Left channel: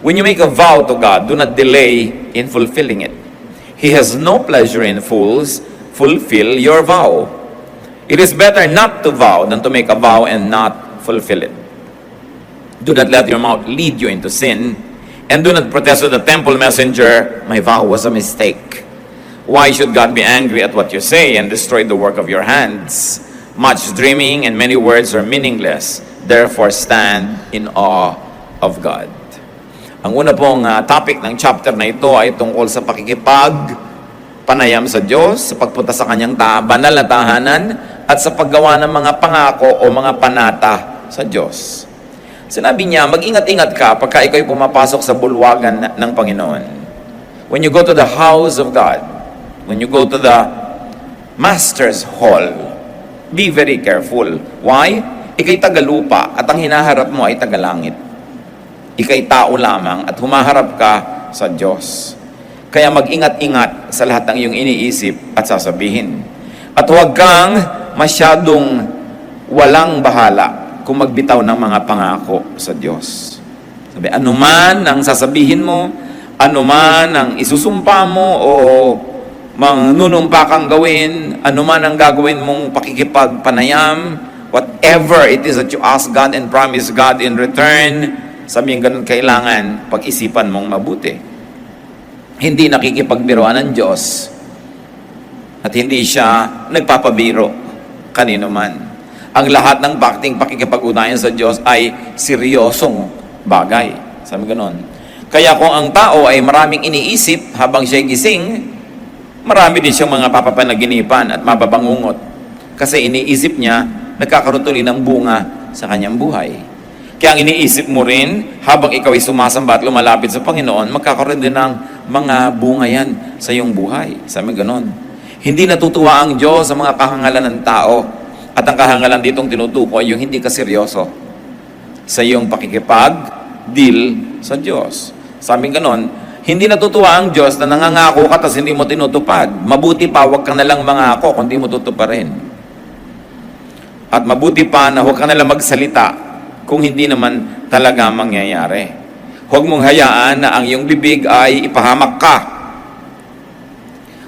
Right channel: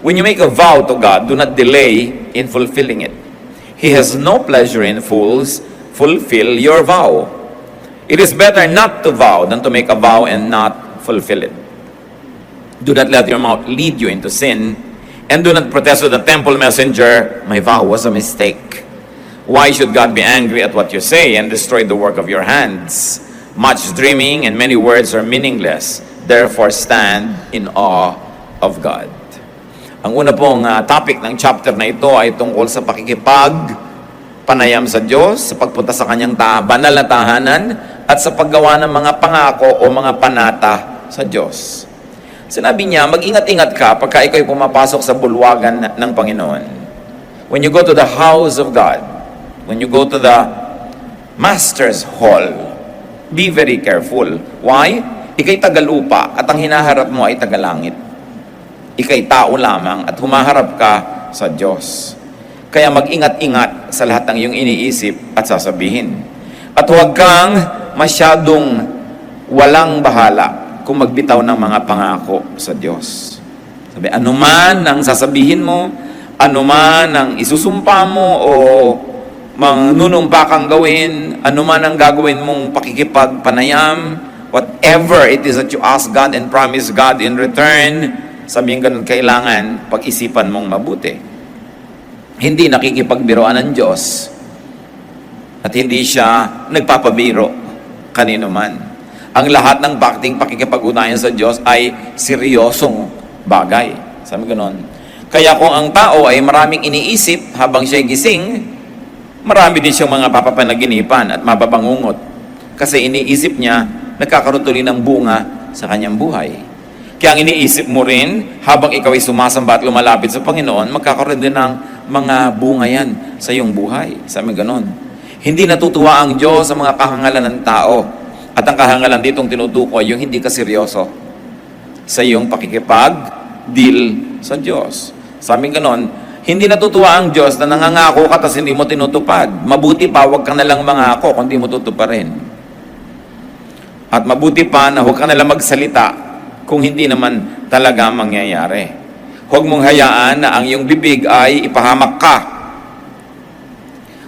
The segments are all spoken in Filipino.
When you make a vow to God, do not delay in fulfilling it. He has no pleasure in fools. Fulfill your vow. It is better not to vow than to make a vow and not fulfill it. Do not let your mouth lead you into sin, and do not protest with the temple messenger, my vow was a mistake. Why should God be angry at what you say and destroy the work of your hands? Much dreaming and many words are meaningless. Therefore, stand in awe of God. Ang una pong topic ng chapter na ito ay tungkol sa panayam sa Diyos, sa pagpunta sa kanyang banal na tahanan, at sa paggawa ng mga pangako o mga panata sa Diyos. Sinabi niya, mag-ingat-ingat ka pagka ikaw'y pumapasok sa bulwagan ng Panginoon. When you go to the house of God, when you go to the Master's Hall, be very careful. Why? Ika'y tagalupa at ang hinaharap mo ay tagalangit. Ika'y tao lamang at humaharap ka sa Diyos. Kaya mag-ingat-ingat sa lahat ng iyong iniisip at sasabihin. At huwag kang masyadong walang bahala kung magbitaw ng mga pangako sa Diyos. Sabi, anuman ang sasabihin mo, anuman ang isusumpa mo o manunumpa kang gawin, anuman ang gagawin mong pakikipagpanayam, whatever it is that you ask God and promise God in return, sabihin ganun, kailangan pag-isipan mong mabuti. Hindi nakikipagbiroan ng Diyos at hindi siya nagpapabiro kanino man. Ang lahat ng pakikipag-ugnayan sa Diyos ay seryosong bagay. Sabi ganoon. Kaya kung ang tao ay maraming iniisip habang siya'y gising, marami din siyang mga papapanaginipan at mapapangungot. Kasi iniisip niya, nagkakaroon tuloy ng bunga sa kanyang buhay. Kaya ang iniisip mo rin, habang ikaw ay sumasamba at lumalapit sa Panginoon, magkakaroon din ng mga bunga yan sa iyong buhay. Sabi ganoon. Hindi natutuwa ang Diyos sa mga kahangalan ng tao. At ang kahangalan ditong tinutukoy, yung hindi ka seryoso sa iyong pakikipag-deal sa Diyos. Sabi ganon, hindi natutuwa ang Diyos na nangangako ka tapos hindi mo tinutupad. Mabuti pa, huwag ka nalang mangako kung hindi mo tutuparin. At mabuti pa na huwag ka nalang magsalita kung hindi naman talaga mangyayari. Huwag mong hayaan na ang iyong bibig ay ipahamak ka.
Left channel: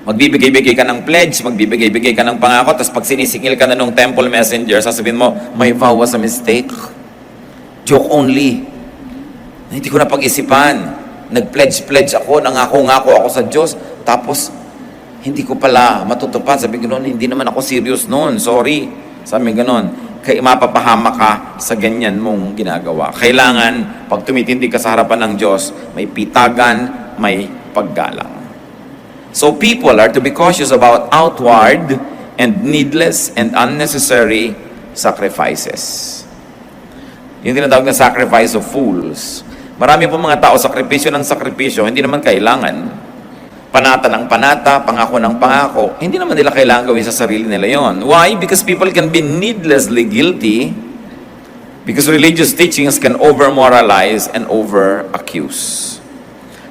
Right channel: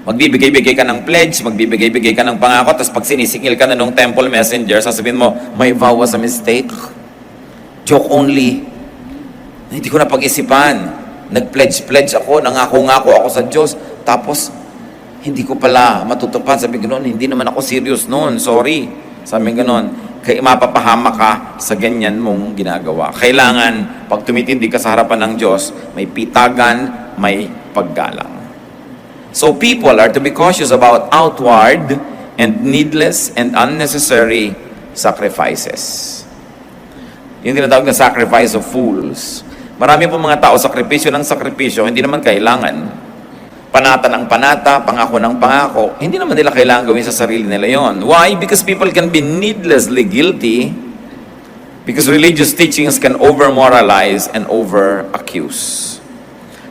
Magbibigay-bigay ka ng pledge, magbibigay-bigay ka ng pangako, tapos pag sinisingil ka na ng temple messenger, sasabihin mo, my vow was a mistake. Joke only. Hindi ko na pag-isipan. Nag-pledge ako, nangako-ngako ako sa Diyos, tapos hindi ko pala matutupad. Sabi ganoon, hindi naman ako serious noon, sorry. Sabi ganoon, kaya mapapahama ka sa ganyan mong ginagawa. Kailangan, pag tumitindi ka sa harapan ng Diyos, may pitagan, may paggalang. So people are to be cautious about outward and needless and unnecessary sacrifices. Yung tinatawag na sacrifice of fools. Marami po mga tao, sakripisyo ng sakripisyo, hindi naman kailangan. Panata ng panata, pangako ng pangako, hindi naman nila kailangan gawin sa sarili nila yon. Why? Because people can be needlessly guilty because religious teachings can over-moralize and over-accuse.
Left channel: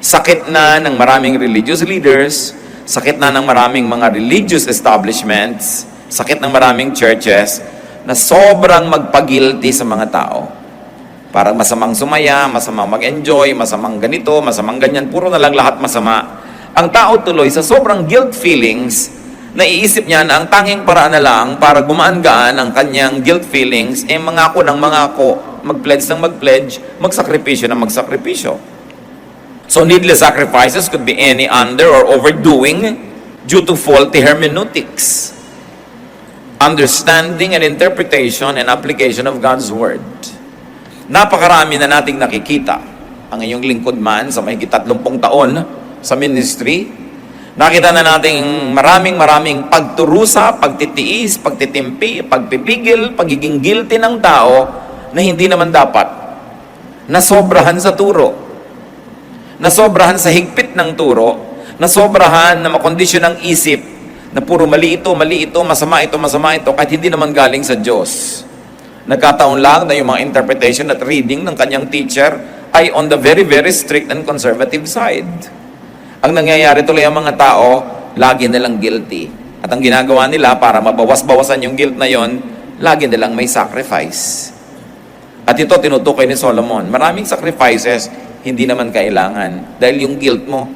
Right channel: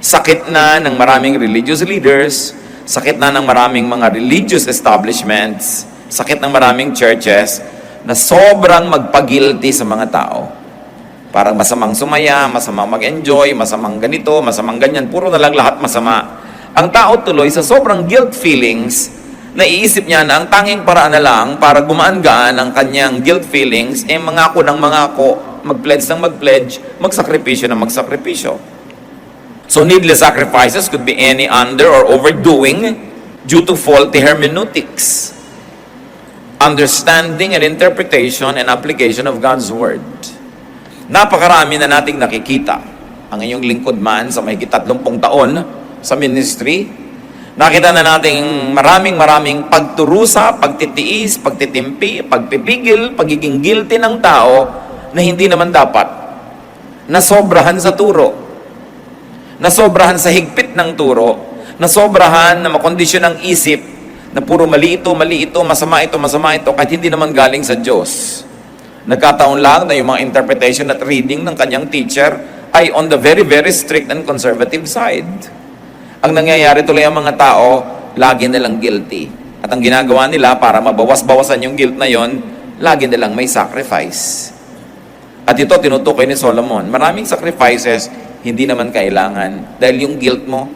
Sakit na ng maraming religious leaders, sakit na ng maraming mga religious establishments, sakit ng maraming churches na sobrang magpagilty sa mga tao. Parang masamang sumaya, masamang mag-enjoy, masamang ganito, masamang ganyan, puro na lang lahat masama. Ang tao tuloy sa sobrang guilt feelings, naiisip niya na ang tanging paraan na lang para gumaan-gaan ang kanyang guilt feelings ay mangako ng mangako, mag-pledge ng mag-pledge, magsakripisyo ng magsakripisyo. So needless sacrifices could be any under or overdoing due to faulty hermeneutics, understanding and interpretation and application of God's Word. Napakarami na nating nakikita. Ang inyong lingkod man sa may 30 taon sa ministry, nakita na nating maraming pagturusa, pagtitiis, pagtitimpi, pagpipigil, pagiging guilty ng tao na hindi naman dapat. Nasobrahan sa turo. Nasobrahan sa higpit ng turo, nasobrahan na makondisyon ng isip, na puro mali ito, masama ito, kahit hindi naman galing sa Diyos. Nagkataon lang na yung mga interpretation at reading ng kanyang teacher ay on the very strict and conservative side. Ang nangyayari tuloy ang mga tao, lagi nilang guilty. At ang ginagawa nila para mabawas-bawasan yung guilt na yon, lagi nilang may sacrifice. At ito, tinutukoy ni Solomon. Maraming sacrifices, hindi naman kailangan. Dahil yung guilt mo,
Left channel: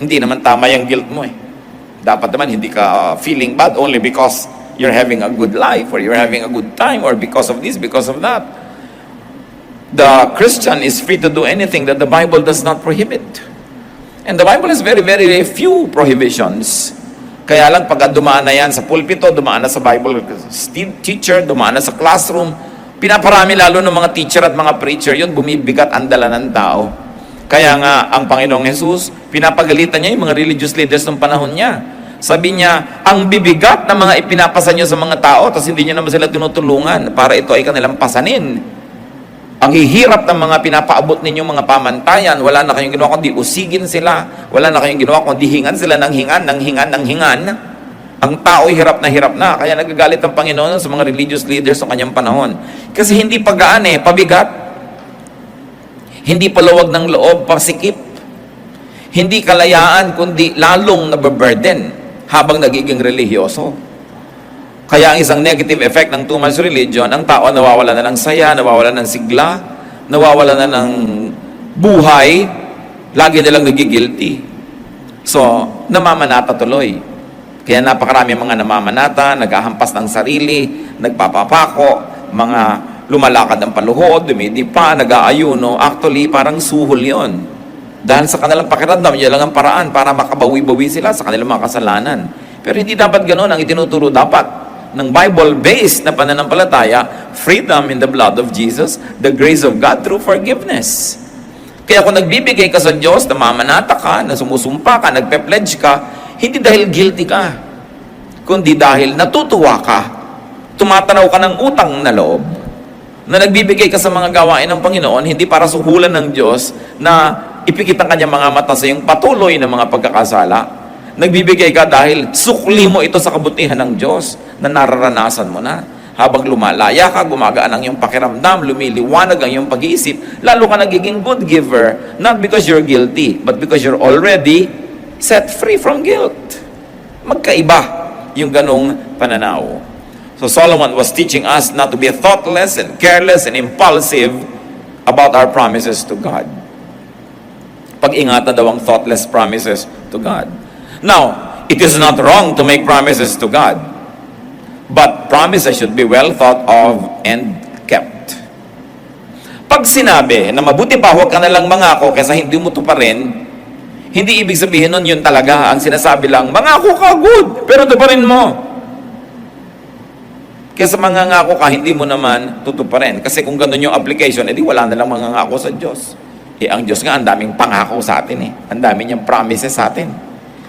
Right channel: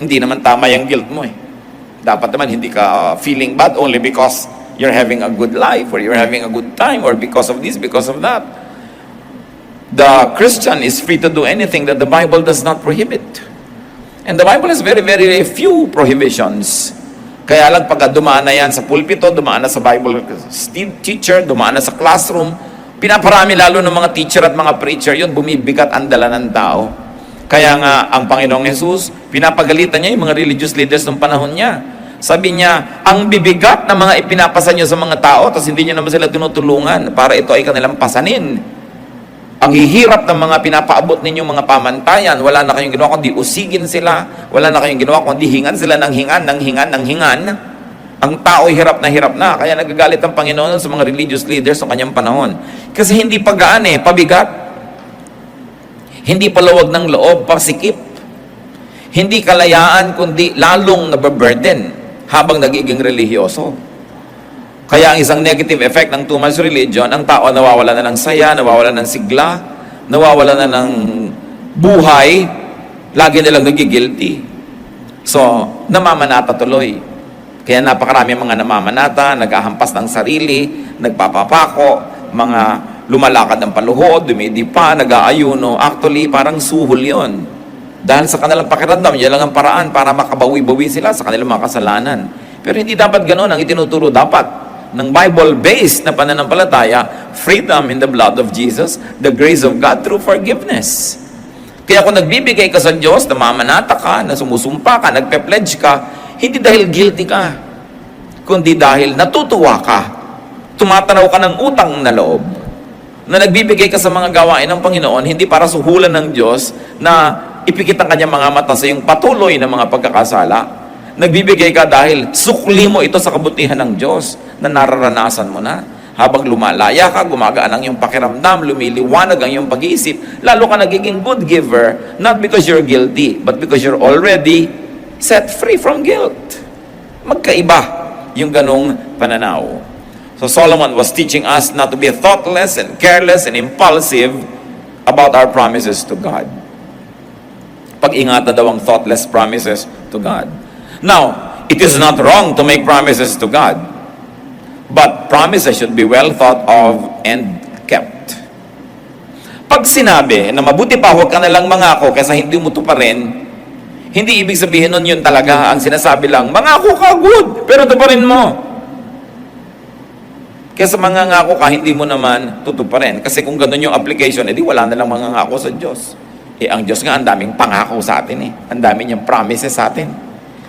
hindi naman tama yung guilt mo eh. Dapat naman hindi ka feeling bad only because you're having a good life or you're having a good time or because of this, because of that. The Christian is free to do anything that the Bible does not prohibit. And the Bible has very, very few prohibitions. Kaya lang pag dumaan na yan sa pulpito, dumaan na sa Bible teacher, dumaan na sa classroom, pinaparami lalo ng mga teacher at mga preacher, yun bumibigat ang dala ng tao. Kaya nga, ang Panginoong Jesus, pinapagalitan niya yung mga religious leaders ng panahon niya. Sabi niya, ang bibigat na mga ipinapasa niyo sa mga tao, tapos hindi niyo naman sila tinutulungan para ito ay kanilang pasanin. Ang hihirap ng mga pinapaabot ninyong mga pamantayan, wala na kayong ginawa kundi usigin sila, wala na kayong ginawa kundi hingan sila ng hingan. Ang tao hirap na, kaya nagagalit ang Panginoon sa mga religious leaders sa kanyang panahon. Kasi hindi pagaan pabigat. Hindi palawag ng loob, pasikip. Hindi kalayaan, kundi lalong nababurden habang nagiging religyoso. Kaya ang isang negative effect ng too much religion, ang tao nawawala na ng saya, nawawala ng sigla, nawawala na ng buhay, lagi nilang nagigilty. So, namamanata tuloy. Kaya napakarami mga namamanata, naghahampas ng sarili, nagpapapako, mga lumalakad ng paluhod, dumidipa, nag-aayuno. Actually, parang suhol yon. Dahil sa kanilang pakiramdam, yan lang ang paraan para makabawi-bawi sila sa kanilang mga kasalanan. Pero hindi dapat ganoon ang itinuturo dapat ng Bible-based na pananampalataya, freedom in the blood of Jesus, the grace of God through forgiveness. Kaya kung nagbibigay ka sa Diyos, namamanata ka, na sumusumpa ka, nagpe-pledge ka, hindi dahil guilty ka, kundi dahil natutuwa ka, tumatanaw ka ng utang na loob, na nagbibigay ka sa mga gawain ng Panginoon, hindi para suhulan ng Diyos na ipikit ang kanyang mga mata sa iyong patuloy na mga pagkakasala. Nagbibigay ka dahil sukli mo ito sa kabutihan ng Diyos na nararanasan mo na. Habang lumalaya ka, gumagaan ang iyong pakiramdam, lumiliwanag ang iyong pag-iisip, lalo ka nagiging good giver, not because you're guilty, but because you're already set free from guilt. Magkaiba yung ganong pananaw. So Solomon was teaching us not to be thoughtless and careless and impulsive about our promises to God. Pag-ingatan daw ang thoughtless promises to God. Now, it is not wrong to make promises to God, but promises should be well thought of and kept. Pag sinabi na mabuti pa huwag ka nalang mangako kaysa hindi mo tuparin, hindi ibig sabihin nun yun talaga. Ang sinasabi lang, mangako ka, good, pero tuparin mo. Kesa mangangako ka, hindi mo naman tutuparin. Kasi kung gano'n yung application, edi wala na lang mangangako sa Diyos. Ang Diyos nga, ang daming pangako sa atin Ang dami niyang promises sa atin.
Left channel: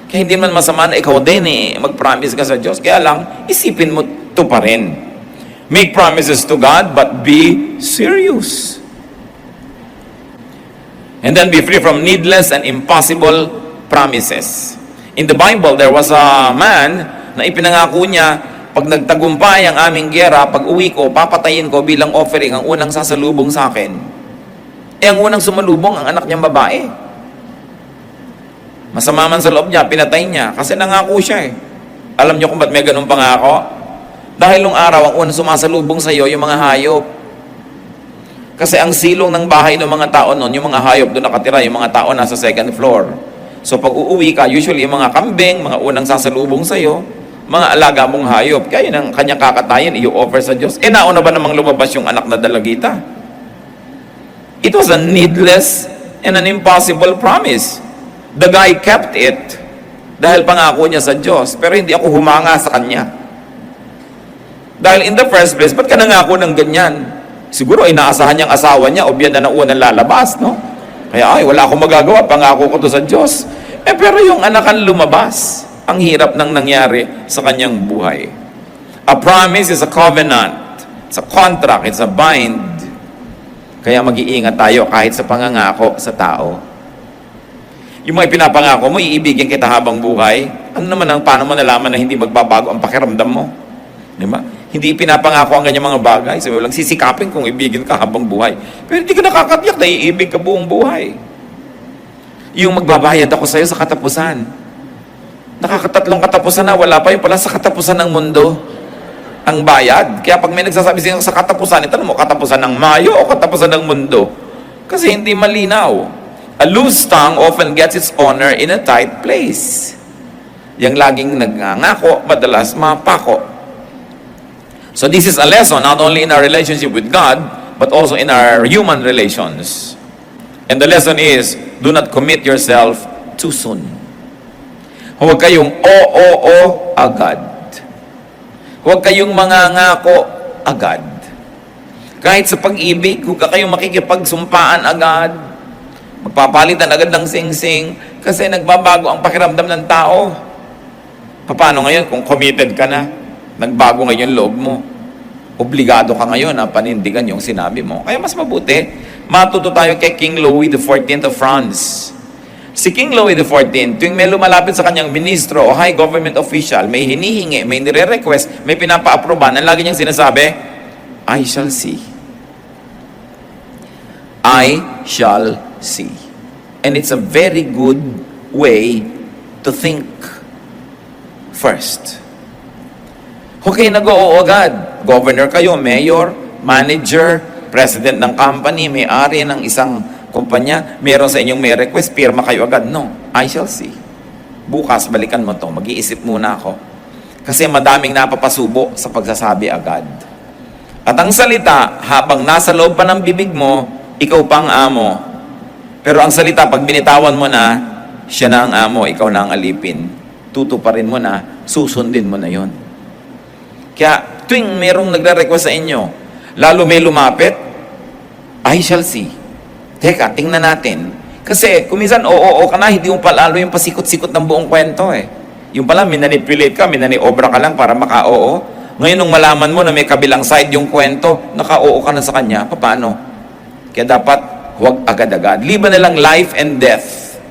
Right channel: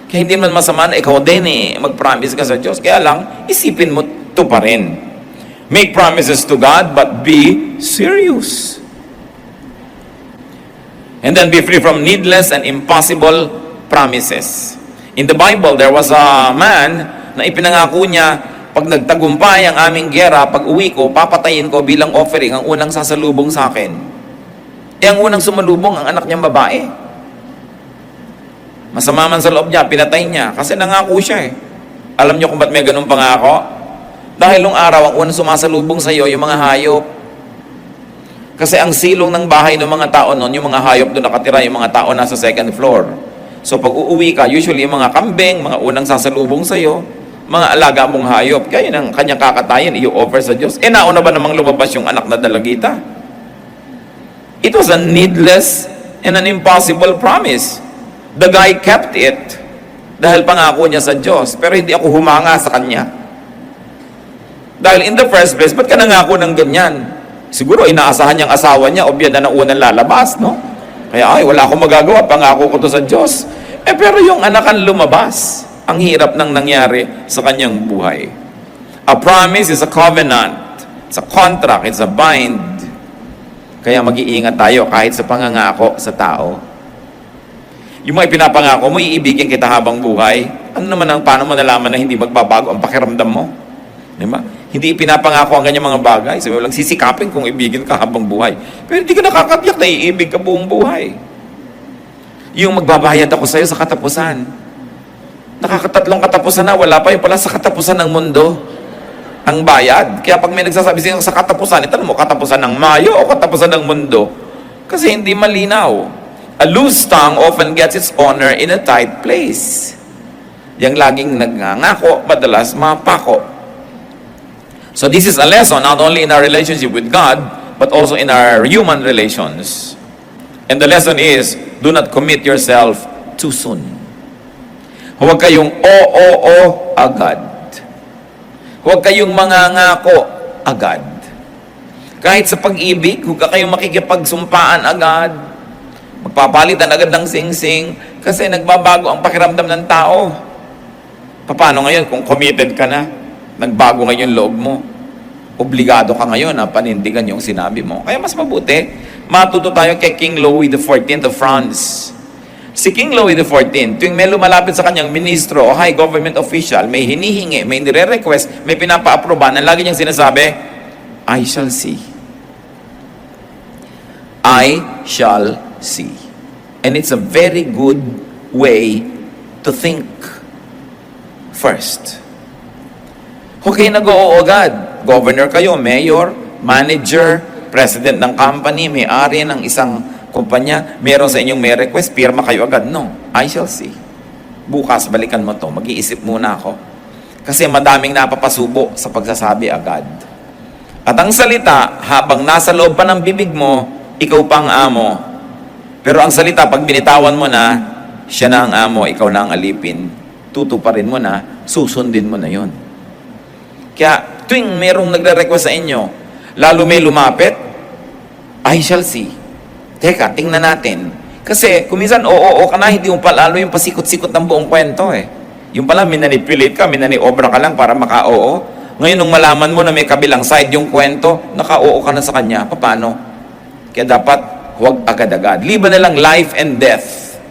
Kaya hindi man masama na ikaw din mag-promise ka sa Diyos. Kaya lang, isipin mo tuparin. Make promises to God, but be serious. And then be free from needless and impossible promises. In the Bible, there was a man na ipinangako niya, pag nagtagumpay ang aming giyera, pag uwi ko, papatayin ko bilang offering ang unang sasalubong sa akin. Ang unang sumalubong, ang anak niyang babae. Masama man sa loob niya, pinatay niya, kasi nangako siya Alam niyo kung ba't may ganun pangako? Dahil nung araw, ang unang sumasalubong sa iyo, yung mga hayop. Kasi ang silong ng bahay ng mga tao noon, yung mga hayop doon nakatira, yung mga tao nasa second floor. So pag uuwi ka, usually yung mga kambing, mga unang sasalubong sa iyo, mga alaga mong hayop, kaya ng kanyang kakatayin, i-offer sa Diyos. Nauna ba namang lumabas yung anak na dalagita? It was a needless and an impossible promise. The guy kept it dahil pangako niya sa Diyos, pero hindi ako humanga sa kanya. Dahil in the first place, ba't ka nangako ng ganyan? Siguro inaasahan niyang asawa niya, o biyan na ng unang lalabas, no? Kaya, wala akong magagawa, pangako ko to sa Diyos. Pero yung anak ang lumabas. Ang hirap nang nangyari sa kanyang buhay. A promise is a covenant. It's a contract. It's a bind. Kaya mag-iingat tayo kahit sa pangangako sa tao. Yung mga pinapangako mo, iibigin kita habang buhay. Ano naman paano mo nalaman na hindi magbabago ang pakiramdam mo? Di ba? Hindi pinapangako ang kanyang mga bagay. Sabi mo lang, sisikapin kung ibigin ka habang buhay. Pero hindi ka nakakatiyak na iibig ka buong buhay. Yung magbabayad ako sa'yo sa katapusan. Nakakatatlong katapusan na, wala pa yung pala sa katapusan ng mundo. ang bayad. Kaya pag may nagsasabi siya sa katapusan, itanong mo, katapusan ng Mayo o katapusan ng mundo? Kasi hindi malinaw. A loose tongue often gets its honor in a tight place. Yang laging nagngangako, madalas mapako. So this is a lesson not only in our relationship with God, but also in our human relations. And the lesson is, do not commit yourself too soon. Huwag kayong o agad. Huwag kayong mangangako agad. Kahit sa pag-ibig, huwag kayong makikipagsumpaan agad. Magpapalitan agad ng sing-sing kasi nagbabago ang pakiramdam ng tao. Paano ngayon kung committed ka na? Nagbago ngayon loob mo. Obligado ka ngayon na panindigan yung sinabi mo. Kaya mas mabuti, matuto tayo kay King Louis XIV of France. Si King Louis XIV, tuwing may lumalapit sa kanyang ministro o high government official, may hinihingi, may nire-request, may pinapa-aproban, ang lagi niyang sinasabi, I shall see. I shall see. And it's a very good way to think first. Huwag kayo nag-oo agad. Governor kayo, mayor, manager, president ng company, may-ari ng isang kumpanya, meron sa inyong may request, pirma kayo agad. No, I shall see. Bukas, balikan mo to. Mag-iisip muna ako. Kasi madaming napapasubo sa pagsasabi agad. At ang salita, habang nasa loob pa ng bibig mo, ikaw pang amo. Pero ang salita, pag binitawan mo na, siya na ang amo, ikaw na ang alipin. Tutuparin mo na, susundin mo na yon. Kaya, tuwing merong nagre-request sa inyo, lalo may lumapit, I shall see. Teka, tingnan natin. Kasi, kuminsan, oo ka na, hindi mo palalo yung pasikot-sikot ng buong kwento eh. Yung pala, minanipulate ka, minaniobra ka lang para maka-oo. Ngayon, nung malaman mo na may kabilang side yung kwento, naka-oo ka na sa kanya, paano? Kaya dapat, huwag agad-agad. Liban na lang life and death.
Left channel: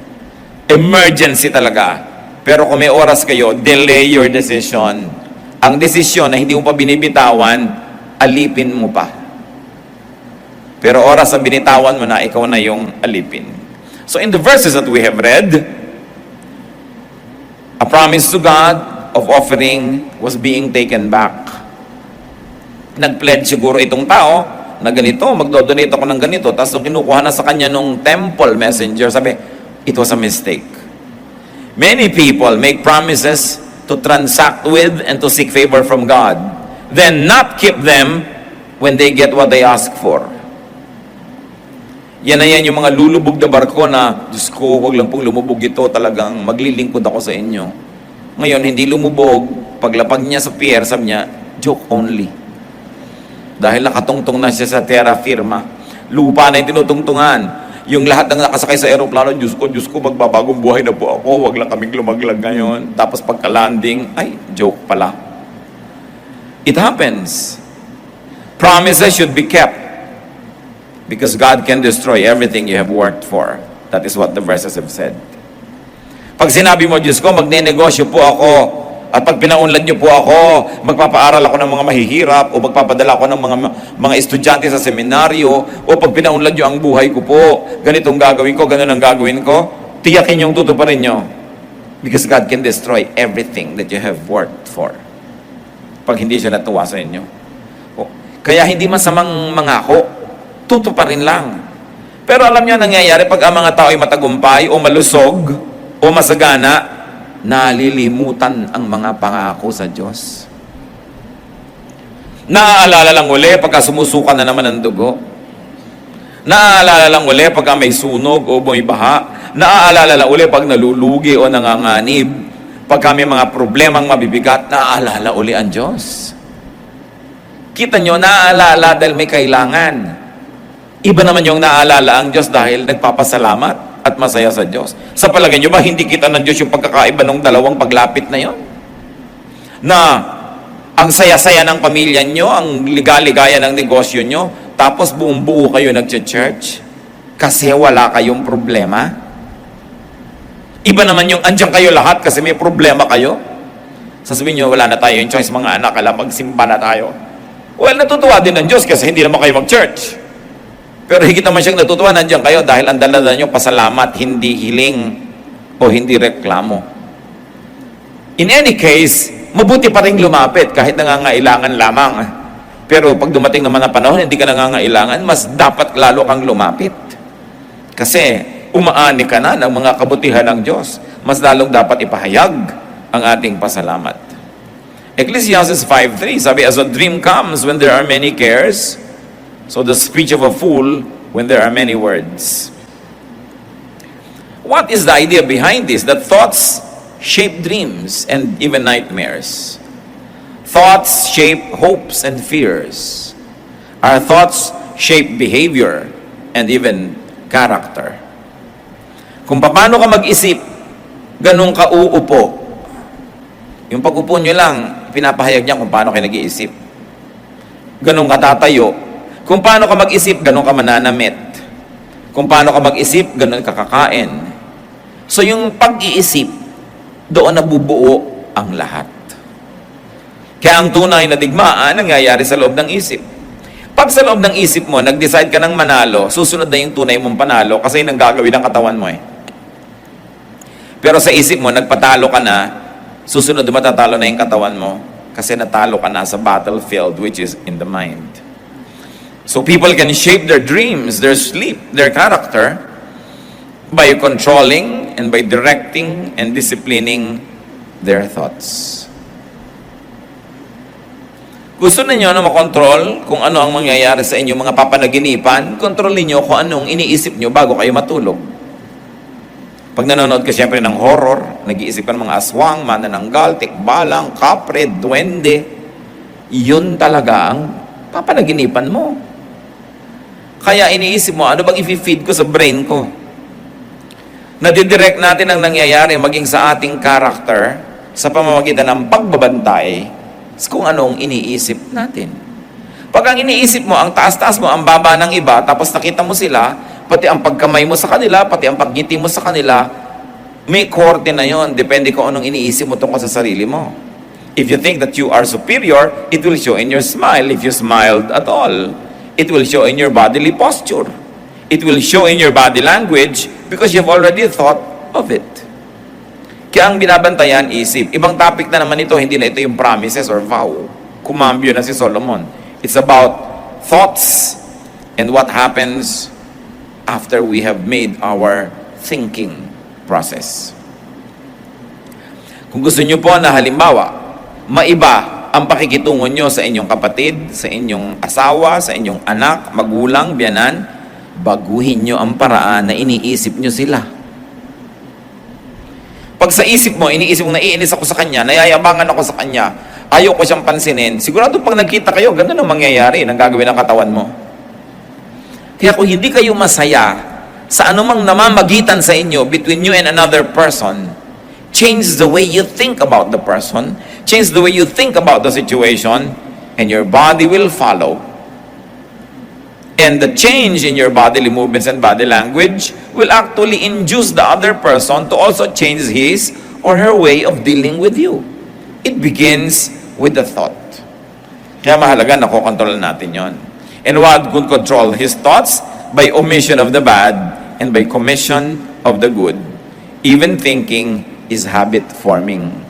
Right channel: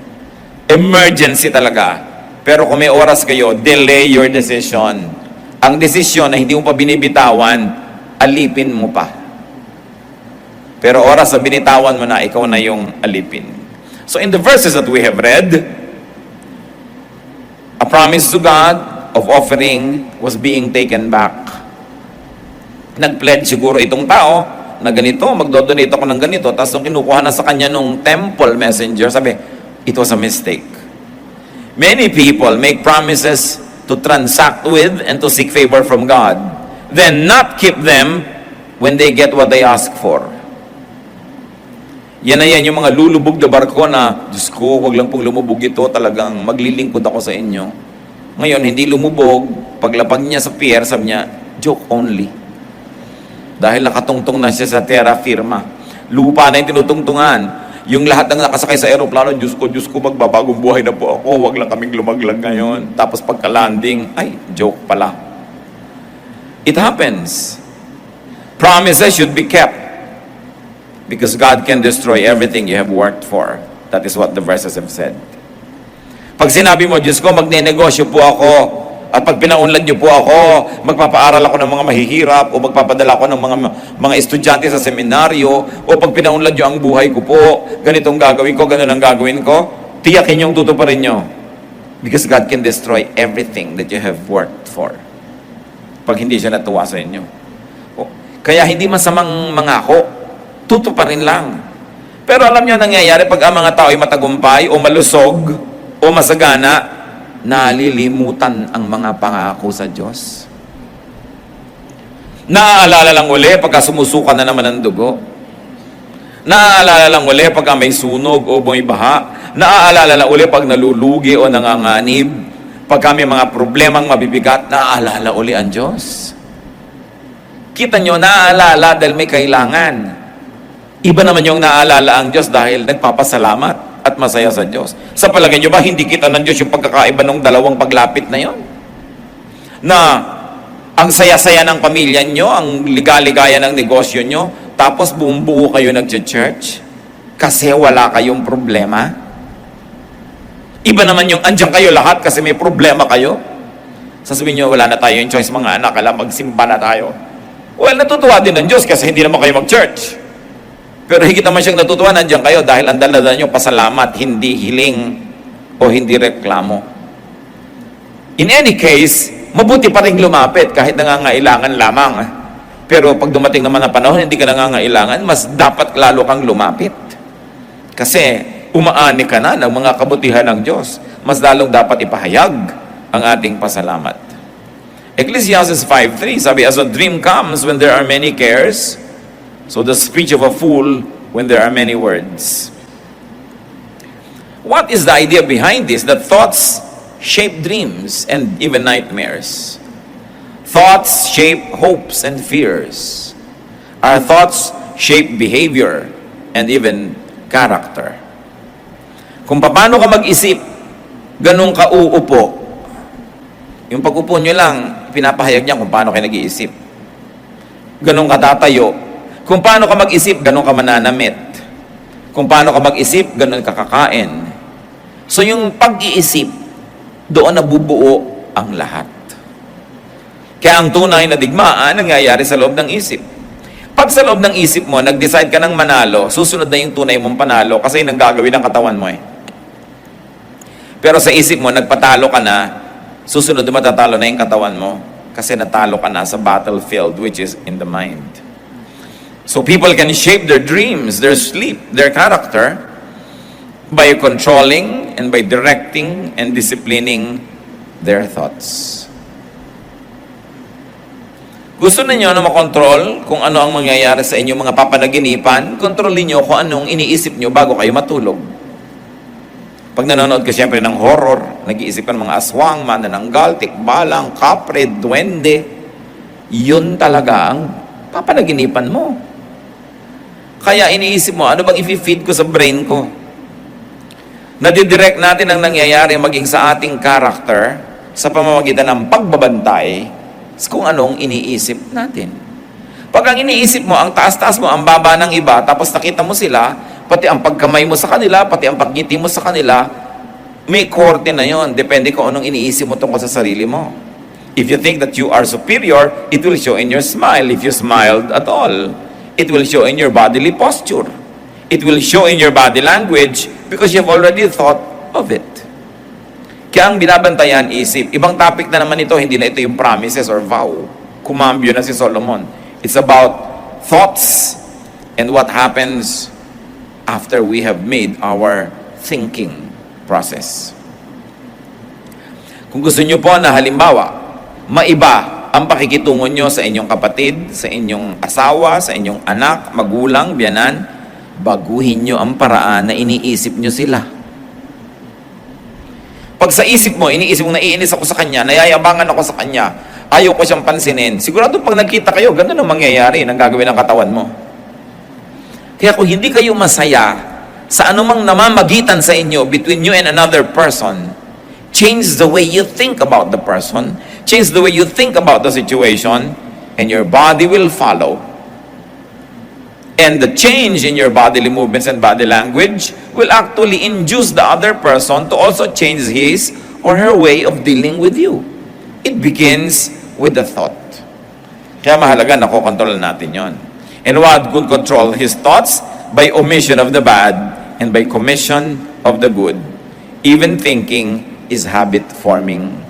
Emergency talaga. Pero kung may oras kayo, delay your decision. Ang desisyon na hindi mo pa binibitawan, alipin mo pa. Pero oras na binitawan mo na, ikaw na yung alipin. So in the verses that we have read, a promise to God of offering was being taken back. Nag-pledge siguro itong tao na ganito, magdodonate ako ng ganito, tapos kinukuha na sa kanya nung temple messenger, sabi, it was a mistake. Many people make promises to transact with and to seek favor from God, then not keep them when they get what they ask for. Yan na yan yung mga lulubog na barko na, Diyos ko, huwag lang pong lumubog ito, talagang maglilingkod ako sa inyo. Ngayon, hindi lumubog, paglapag niya sa pier, sabi niya, joke only. Dahil nakatungtong na siya sa terra firma. Lupa na yung tinutungtungan. Yung lahat ng nakasakay sa aeroplano, Diyos ko, magbabagong buhay na po ako, huwag lang kaming lumaglag ngayon. Tapos pagka-landing, ay, joke pala. It happens. Promises should be kept. Because God can destroy everything you have worked for. That is what the verses have said. Pag sinabi mo, Diyos ko, magne-negosyo po ako, at pag pinaunlad niyo po ako, magpapaaral ako ng mga mahihirap, o magpapadala ako ng mga estudyante sa seminaryo, o pag pinaunlad niyo ang buhay ko po, ganitong gagawin ko, ganun ang gagawin ko, tiyakin niyong tutuparin niyo. Because God can destroy everything that you have worked for. Pag hindi siya natuwa sa inyo. Kaya hindi masamang mangako, tutuparin lang. Pero alam niyo nangyayari pag ang mga tao ay matagumpay, o malusog, o masagana, nalilimutan ang mga pangako sa Diyos. Naaalala lang uli pagka sumusuka na naman ang dugo. Naaalala lang uli pagka may sunog o may baha. Naaalala lang uli pag nalulugi o nanganganib. Pagka may mga problemang mabibigat, naaalala uli ang Diyos. Kita nyo, naaalala dahil may kailangan. Iba naman yung naaalala ang Diyos dahil nagpapasalamat at masaya sa Diyos. Sa palagay nyo ba, hindi kita ng Diyos yung pagkakaiba ng dalawang paglapit na yon? Na ang saya-saya ng pamilya nyo, ang ligaligaya ng negosyo nyo, tapos buo kayo nag-church kasi wala kayong problema. Iba naman yung andyan kayo lahat kasi may problema kayo. Sasabihin nyo, wala na tayo yung choice mga anak, alam, magsimba na tayo. Well, natutuwa din ng Diyos kasi hindi naman kayo mag-church. Pero higit naman siyang natutuwa, nandiyan kayo dahil ang dala nyo pasalamat, hindi hiling o hindi reklamo. In any case, mabuti pa rin lumapit kahit nangangailangan lamang. Pero pag dumating naman ang panahon, hindi ka nangangailangan, mas dapat lalo kang lumapit. Kasi umaani ka na ng mga kabutihan ng Diyos. Mas lalong dapat ipahayag ang ating pasalamat. Ecclesiastes 5:3, sabi, as a dream comes when there are many cares, so the speech of a fool when there are many words. What is the idea behind this? That thoughts shape dreams and even nightmares. Thoughts shape hopes and fears. Our thoughts shape behavior and even character. Kung paano ka mag-isip, ganun ka uupo. Yung pag-upo nyo lang, pinapahayag niya kung paano kayo nag-iisip. Ganun ka tatayo. Kung paano ka mag-isip, ganun ka mananamit. Kung paano ka mag-isip, ganun ka kakain. So yung pag-iisip, doon nabubuo ang lahat. Kaya ang tunay na digmaan, nangyayari sa loob ng isip. Pag sa loob ng isip mo, nag-decide ka ng manalo, susunod na yung tunay mong panalo kasi yun ang gagawin ng katawan mo eh. Pero sa isip mo, nagpatalo ka na, susunod na matatalo na yung katawan mo kasi natalo ka na sa battlefield which is in the mind. So people can shape their dreams, their sleep, their character by controlling and by directing and disciplining their thoughts. Gusto ninyo na makontrol kung ano ang mangyayari sa inyong mga papanaginipan, kontrolin nyo kung anong iniisip nyo bago kayo matulog. Pag nanonood ka siyempre ng horror, nag-iisip ka ng mga aswang, manananggal, tikbalang, kapre, duwende, yun talaga ang papanaginipan mo. Kaya iniisip mo, ano bang i-feed ko sa brain ko? Nadidirect natin ang nangyayari maging sa ating character sa pamamagitan ng pagbabantay kung anong iniisip natin. Pag ang iniisip mo, ang taas-taas mo, ang baba ng iba, tapos nakita mo sila, pati ang pagkamay mo sa kanila, pati ang pagngiti mo sa kanila, may korte na yon. Depende kung anong iniisip mo tungkol sa sarili mo. If you think that you are superior, it will show in your smile. If you smiled at all, it will show in your bodily posture. It will show in your body language because you've already thought of it. Kaya ang binabantayan isip. Ibang topic na naman ito, hindi na ito yung promises or vow. Kumambyo na si Solomon. It's about thoughts and what happens after we have made our thinking process. Kung gusto nyo po na halimbawa, maiba ang pakikitungo nyo sa inyong kapatid, sa inyong asawa, sa inyong anak, magulang, biyanan, baguhin nyo ang paraan na iniisip nyo sila. Pag sa isip mo, iniisip mo, naiinis ako sa kanya, nayayabangan ako sa kanya, ayaw ko siyang pansinin, sigurado pag nagkita kayo, ganun ang mangyayari ng gagawin ng katawan mo. Kaya kung hindi kayo masaya sa anumang namamagitan sa inyo between you and another person, change the way you think about the person, change the way you think about the situation, and your body will follow. And the change in your bodily movements and body language will actually induce the other person to also change his or her way of dealing with you. It begins with the thought. Kaya mahalaga na kukontrol natin yon. And one could control his thoughts by omission of the bad and by commission of the good. Even thinking is habit forming.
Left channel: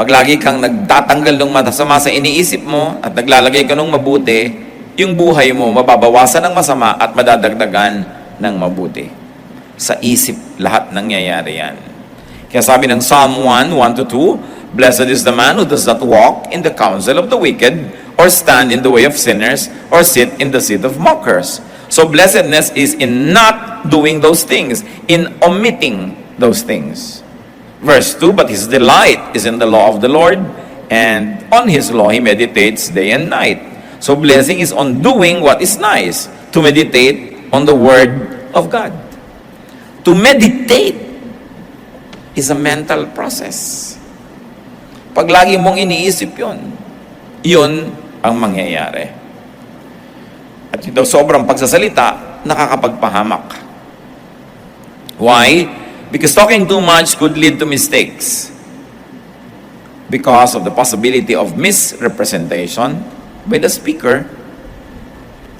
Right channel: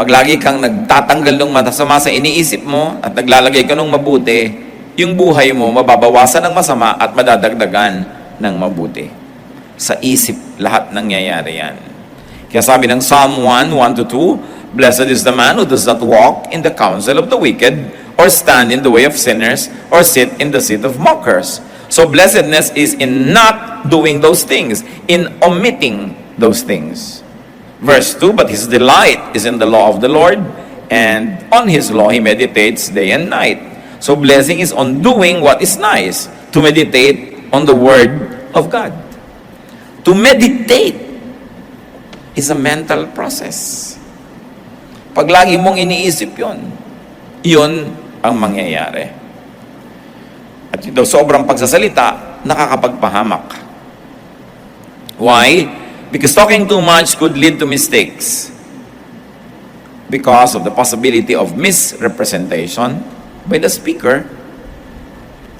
Pag lagi kang nagtatanggal ng masama sa iniisip mo at naglalagay ka ng mabuti, yung buhay mo mababawasan ng masama at madadagdagan ng mabuti. Sa isip lahat nangyayari yan. Kaya sabi ng Psalm 1:1-2, Blessed is the man who does not walk in the counsel of the wicked, or stand in the way of sinners, or sit in the seat of mockers. So blessedness is in not doing those things, in omitting those things. Verse 2, but his delight is in the law of the Lord, and on his law he meditates day and night. So blessing is on doing what is nice, to meditate on the word of God. To meditate is a mental process. Pag lagi mong iniisip yun ang mangyayari. At ito, sobrang pagsasalita, nakakapagpahamak. Why? Because talking too much could lead to mistakes because of the possibility of misrepresentation by the speaker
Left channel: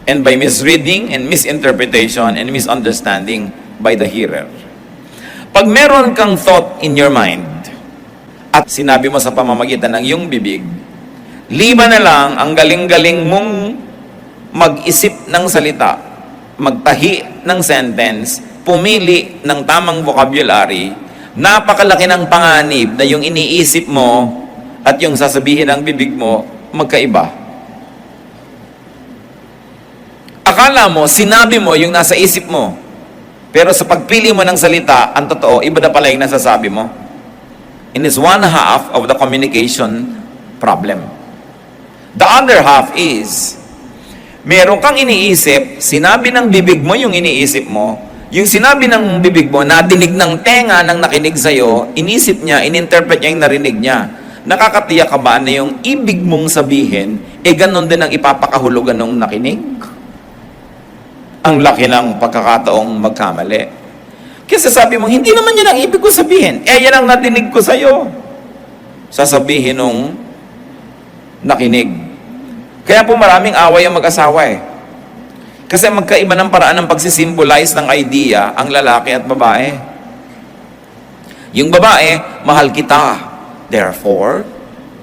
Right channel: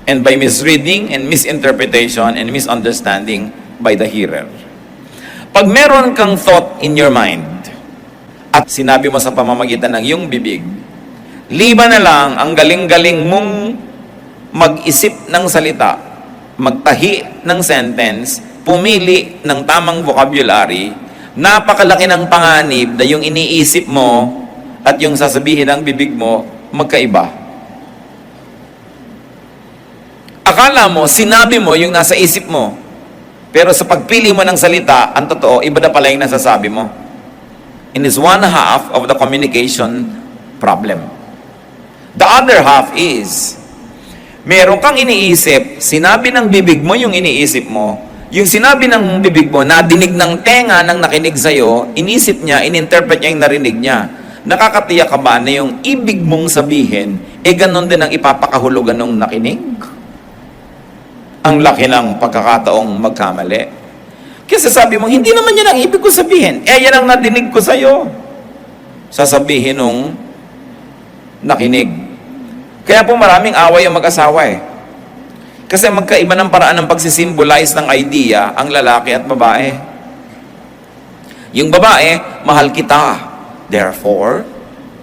and by misreading and misinterpretation and misunderstanding by the hearer. Pag meron kang thought in your mind at sinabi mo sa pamamagitan ng iyong bibig, liban na lang ang galing-galing mong mag-isip ng salita, magtahi ng sentence, pumili ng tamang vocabulary, napakalaki ng panganib na yung iniisip mo at yung sasabihin ng bibig mo, magkaiba. Akala mo, sinabi mo yung nasa isip mo, pero sa pagpili mo ng salita, ang totoo, iba na pala yung nasasabi mo. And it's one half of the communication problem. The other half is, meron kang iniisip, sinabi ng bibig mo yung iniisip mo, yung sinabi ng bibig mo, nadinig ng tenga ng nakinig sa'yo, inisip niya, ininterpret niya yung narinig niya. Nakakatiyak ka ba na yung ibig mong sabihin, ganon din ang ipapakahulugan ng nakinig? Ang laki ng pagkakataong magkamali. Kasi sabi mo, hindi naman yan ang ibig ko sabihin. Yan ang nadinig ko sa'yo. Sasabihin nung nakinig. Kaya po maraming away ang mag-asawa eh. Kasi magkaiba ng paraan ng pagsisimbolize ng idea ang lalaki at babae. Yung babae, mahal kita. Therefore,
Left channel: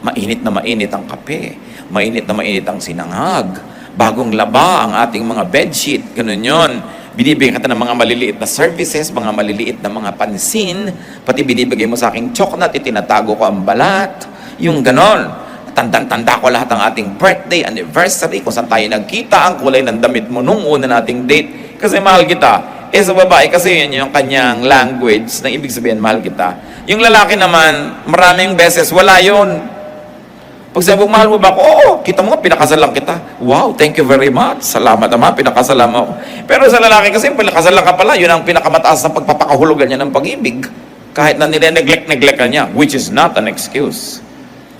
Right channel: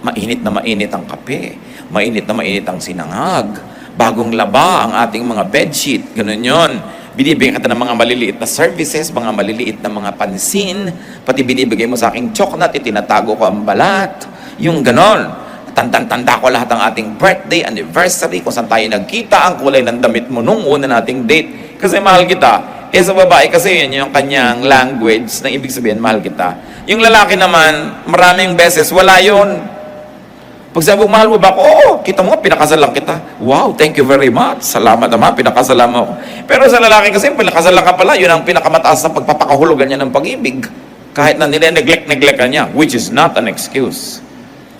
mainit na mainit ang kape. Mainit na mainit ang sinangag. Bagong laba ang ating mga bedsheet. Ganun yun. Binibigyan kita ng mga maliliit na services, mga maliliit na mga pansin, pati binibigay mo sa aking chocolate, tinatago ko ang balat. Yung ganon. Tandang-tanda ko lahat ng ating birthday, anniversary, kung saan tayo nagkita, ang kulay ng damit mo nung una nating date. Kasi mahal kita. Sa babae kasi yun yung kanyang language na ibig sabihin, mahal kita. Yung lalaki naman, maraming beses, wala yun. Pag sabi mo, mahal mo ba ako? Oo, kita mo nga, pinakasal lang kita. Wow, thank you very much. Salamat naman, pinakasal mo ako. Pero sa lalaki kasi, pinakasal lang ka pala, yun ang pinakamataas na pagpapakahulugan niya ng pag-ibig. Kahit na nire-neglect ka niya, which is not an excuse.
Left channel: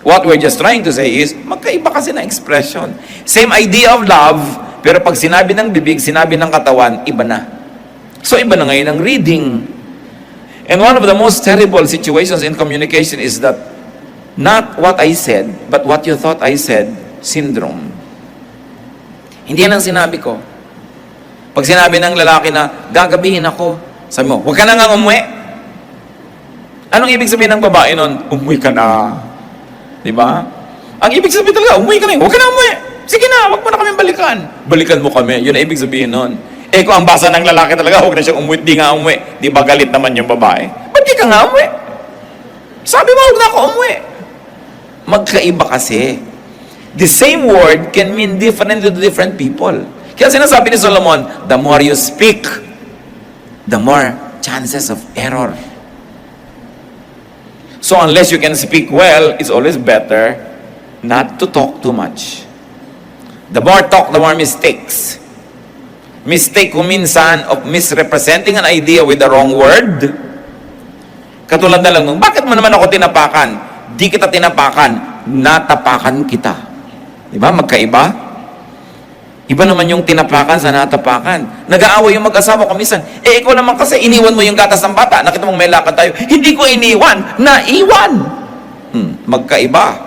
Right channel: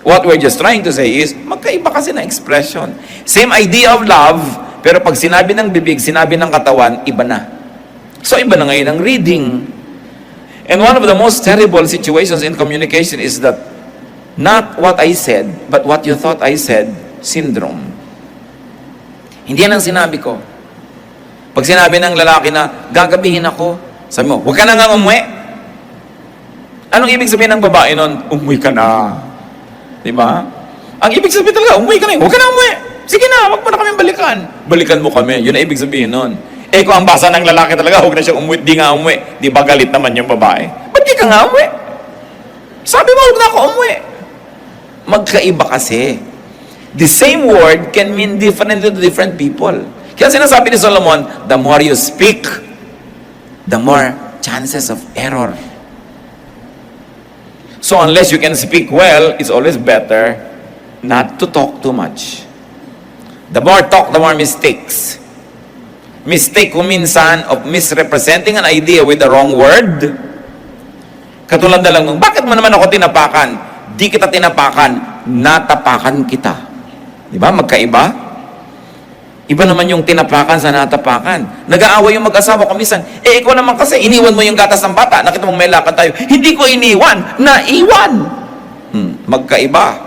What we're just trying to say is, magkaiba kasi na expression. Same idea of love, pero pag sinabi ng bibig, sinabi ng katawan, iba na. So iba na ngayon ang reading. And one of the most terrible situations in communication is that not what I said, but what you thought I said, syndrome. Hindi yan ang sinabi ko. Pag sinabi ng lalaki na, gagabihin ako, sabi mo, huwag ka na nga umuwi. Anong ibig sabihin ng babae nun? Umuwi ka na. Di ba? Ang ibig sabihin talaga, umuwi ka na. Huwag ka na umuwi. Sige na, huwag mo na kami balikan. Balikan mo kami. Yun ang ibig sabihin nun. Kung ang basa ng lalaki talaga, huwag na siya umuwi, di nga umuwi. Di ba galit naman yung babae? Ba't di ka nga umuwi? Sabi mo, huwag na ako umuwi. Magkaiba kasi. The same word can mean different to different people. Kaya sinasabi ni Solomon, the more you speak, the more chances of error. So unless you can speak well, it's always better not to talk too much. The more talk, the more mistakes. Mistake ko minsan of misrepresenting an idea with the wrong word. Katulad na lang nung, bakit mo naman ako tinapakan? Di kita tinapakan, natapakan kita. Di ba? Magkaiba? Iba naman yung tinapakan sa natapakan. Nag-aaway yung mag-asawa ko minsan. Ikaw naman kasi, iniwan mo yung gatas ng bata. Nakita mong may lakad tayo. Hindi ko iniwan, naiwan. Magkaiba.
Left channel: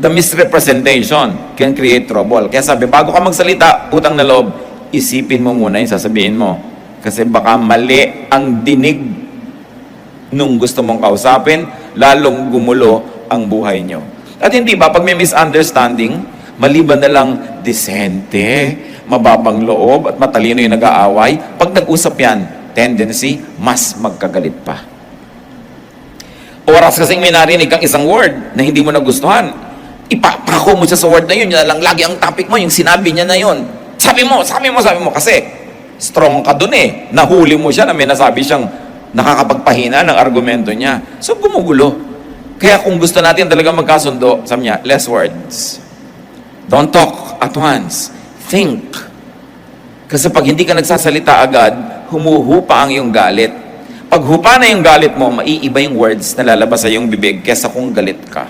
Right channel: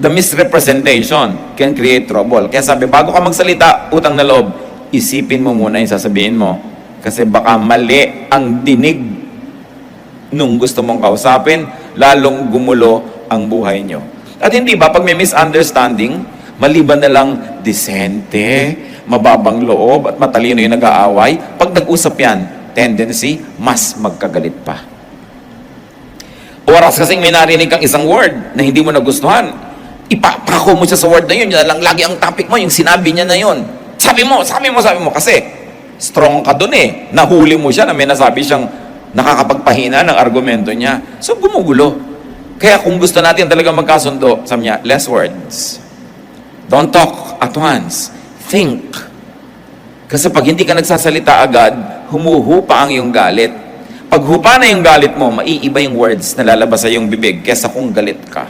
The misrepresentation can create trouble. Kaya sabi, bago ka magsalita, utang na loob, isipin mo muna yung sasabihin mo. Kasi baka mali ang dinig nung gusto mong kausapin, lalong gumulo ang buhay nyo. At hindi ba, pag may misunderstanding, maliban na lang disente, mababang loob, at matalino yung nag-aaway, pag nag-usap yan, tendency, mas magkagalit pa. Oras kasing may narinig kang isang word na hindi mo nagustuhan, ipapako mo siya sa word na yun, yun lang lagi ang topic mo, yung sinabi niya na yun. Sabi mo, kasi strong ka dun eh. Nahuli mo siya na may nasabi siyang nakakapagpahina ng argumento niya. So, gumugulo. Kaya kung gusto natin talaga magkasundo, sabi niya, less words. Don't talk at once. Think. Kasi pag hindi ka nagsasalita agad, humuhupa ang iyong galit. Pag hupa na yung galit mo, maiiba yung words na lalabas sa iyong bibig kesa kung galit ka.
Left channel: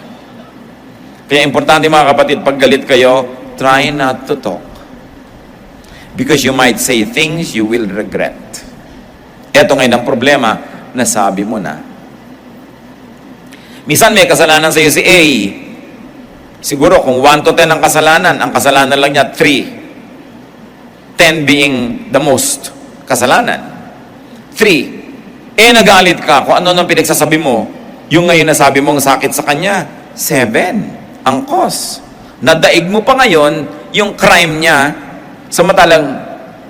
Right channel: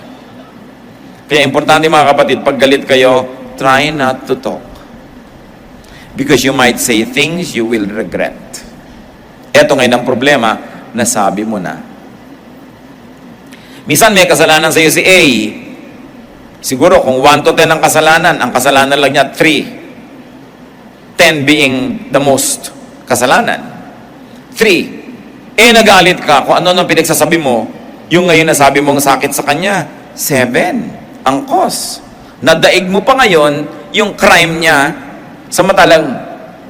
Kaya importante mga kapatid, pag galit kayo, try not to talk. Because you might say things you will regret. Ito ngayon ang problema, nasabi mo na. Minsan may kasalanan sa iyo si A. Siguro kung 1 to 10 ang kasalanan lang niya 3. 10 being the most kasalanan. 3. Nagalit ka kung ano nang pinagsasabi mo, Yung ngayon na sabi mong sakit sa kanya, 7 ang cause. Nadaig mo pa ngayon yung crime niya, samantalang